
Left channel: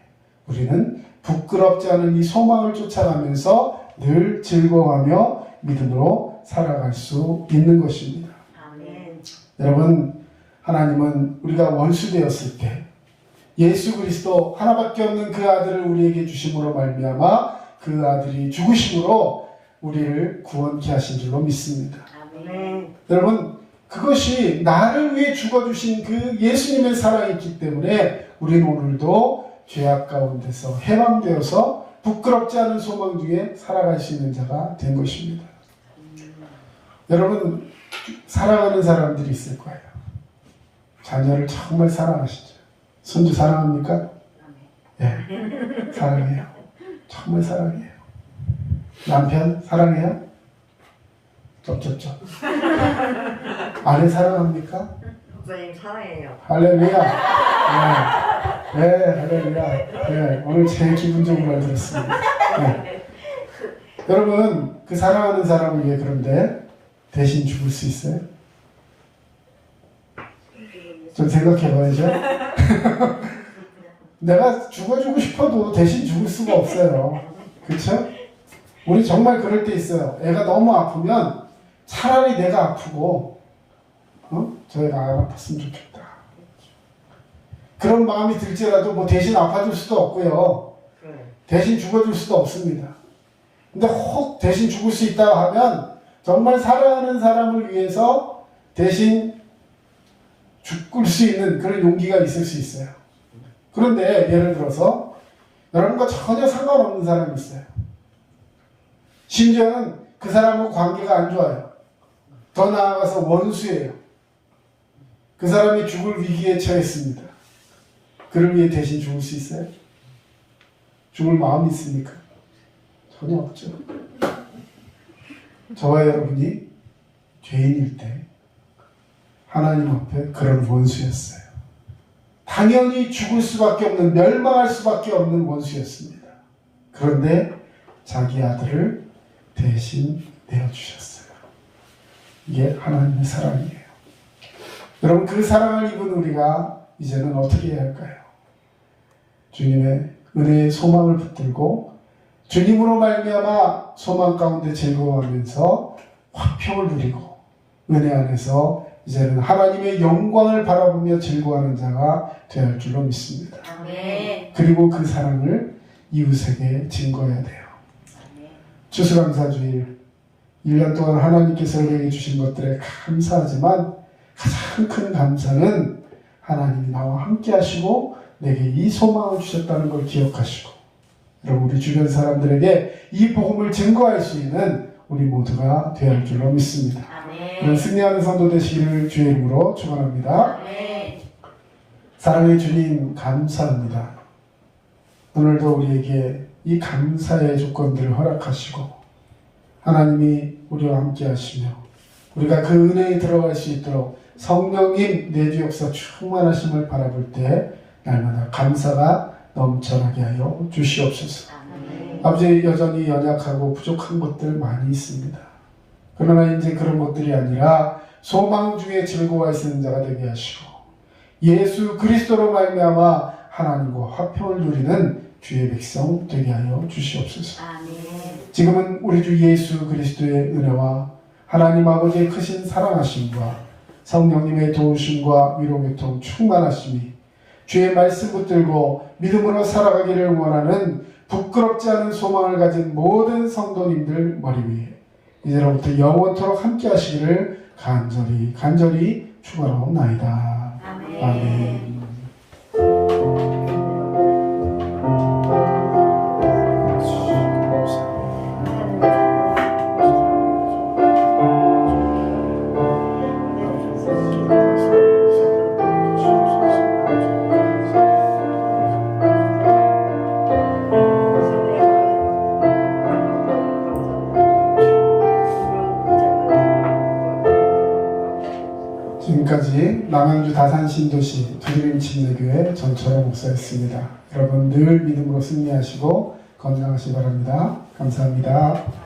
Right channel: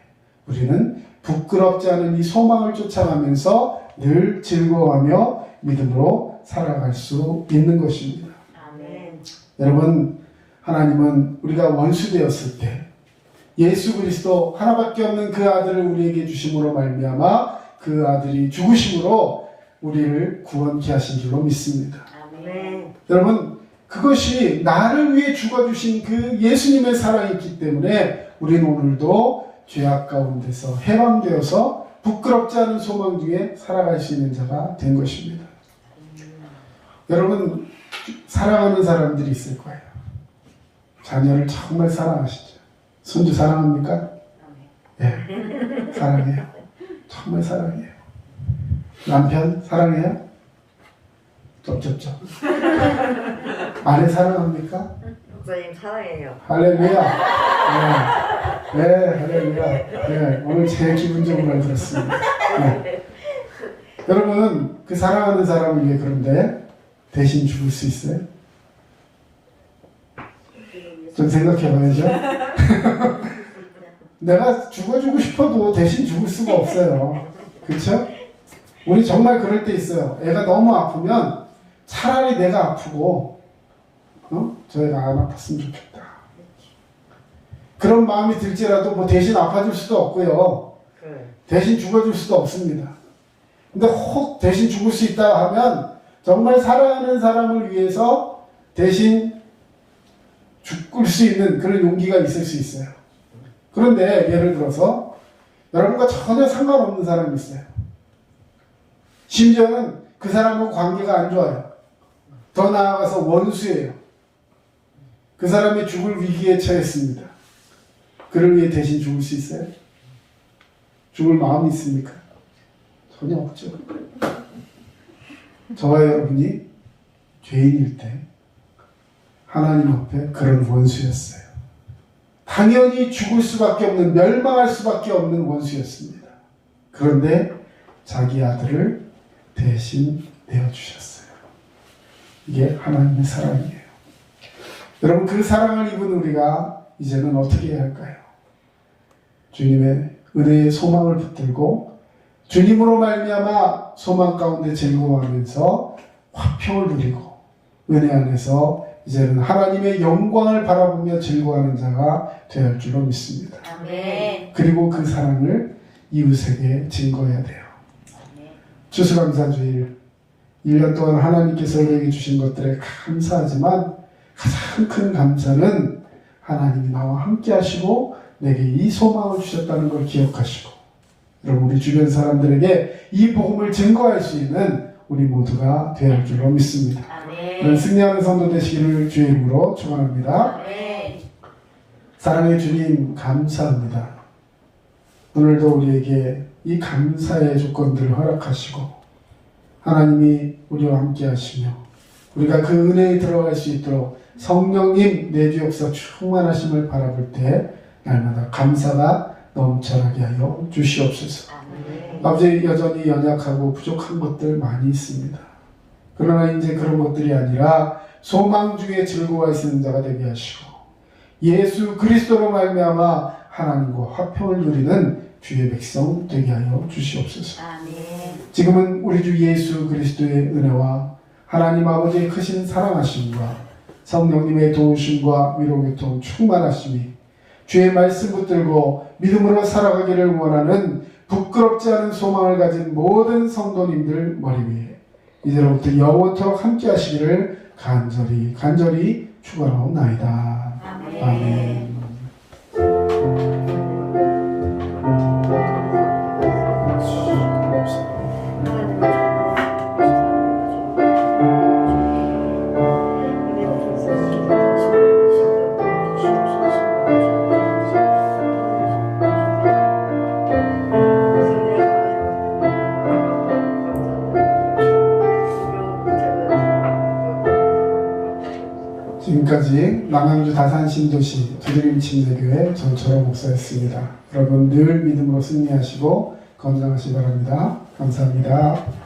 우리는 부끄럽지 않은 이 소망을 쫓아가면서 늘 즐거워하며 믿음으로 살아갈 수 있는 것입니다. 아멘. 여러분, 하나님은 우리가 원수 되었을 때 예수 그리스도 하나밖에 없는 그 아들을 우리에게 주심으로 말미암아 그 아들이 죽으심으로 우리를 구원케 하신 줄로 믿습니다. 아멘. 여러분, 그것이 나를 위해 죽어주신 그 예수님의 사랑이 있기 때문에 우리는 오늘도 죄악 가운데서 해방되어서 부끄럽지 않은 소망 중에 살아갈 수 있는 자가 된 것입니다. 여러분, 사랑하는 사람들이 있을 거예요. 자녀를 정말 사랑하시죠. 손주 사랑합니까? 예, 사랑해요. 정말 사랑해요. 남편 사랑해요? 쩝쩝쩝. 아내 사랑합니까? 목사님 사랑해요. 할렐루야. 네, 할렐루야. 네, 오늘 제일 기분 좋은 말 들었습니다. 네. 여러분, 그 사랑하는 사람을 위해 그런데 대신 죽을 수 있어요? 좀 생각해봐야죠. 내가 죽어주고 싶어도 대신 죽을 수가 없어요. 그렇죠? 우리 정말 그럴 때 있어요. 애가 너무 아프면 차라리 내가 아프고 저희가 안 아팠으면 좋겠다. 그런 마음이 들지라도 뭐 대신 아파줄 수도 없고요. 대신 죽어줄 수도 없습니다. 근데 혹 대신 죽을 수 있다 하면 정말 사랑하는 사람을 위해서 대신 죽을 수 있는 그런 용기가 있을 수 있어요. 그런데 예를 들어서 여러분과 전혀 상관없는 사람이 있어요. 심지어는 그 사람하고 관계가 안 좋아요. 더 나아가서 원수예요. 그 사람이 죽을 위기에 처했습니다. 그를 위해 대신 죽을 수 있어요? 죽을 마음이 있습니까? 전혀 없죠. 저와 여러분이 죄인일 때 하나님 앞에 그런 원수였어요. 당연히 죽을 수밖에 없는, 멸망할 수밖에 없는 원수였습니다. 그런데 자기 아들을 대신 내어주셨어요. 이게 하나님의 사랑이에요. 여러분, 그 사랑을 입은 우리가 이제는 어떻게 해야 할까요? 주님의 은혜의 소망을 붙들고 주님으로 말미암아 소망 가운데 즐거워하면서 화평을 누리고 은혜 안에서 이제는 하나님의 영광을 바라보며 즐거워하는 자가 되어야 할 줄로 믿습니다. 아멘. 그리고 그 사랑을 이웃에게 증거해야 돼요. 추수감사주일 1년 동안 하나님께서 우리에게 주신 것들에 감사하지만 가장 큰 감사는 하나님이 나와 함께 하시고 내게 이 소망을 주셨다는 걸 기억하시고, 여러분, 우리 주변 사람들에게 이 복음을 증거할 수 있는 우리 모두가 되어야 할 줄로 믿습니다. 아멘. 승리하는 성도 되시기를 주의 이름으로 축원합니다. 아멘. 사랑의 주님, 감사합니다. 오늘도 우리에게 이 감사의 조건들을 허락하시고 하나님이 우리와 함께 하시며 우리가 그 은혜에 들어갈 수 있도록 성령님 내주 역사 충만하심을 바라볼 때 날마다 감사가 넘쳐나게 하여 주시옵소서. 아멘. 아버지, 여전히 연약하고 부족한 것들 많이 있습니다. 그러나 이제 그런 것들이 아니라 소망 중에 즐거워할 수 있는 자가 되게 하시고 예수 그리스도로 말미암아 하나님과 화평을 누리는 주의 백성 되게 하여 주시옵소서. 아멘. 지금은 우리 주 예수 그리스도의 은혜와 하나님 아버지의 크신 사랑하심과 성령님의 도우심과 위로교통 충만하심이 주의 말씀 붙들고 믿음으로 살아가기를 원하는 부끄럽지 않은 소망을 가진 모든 성도님들 머리 위에 이제로부터 영원토록 함께 하시기를 간절히 축원하옵나이다. 아멘. 아멘. 지금까지 남양주 다산신도시 두드림침례교회 전철호 목사였습니다. 여러분 늘 믿음으로 승리하시고 건강하시기 바랍니다. 감사합니다.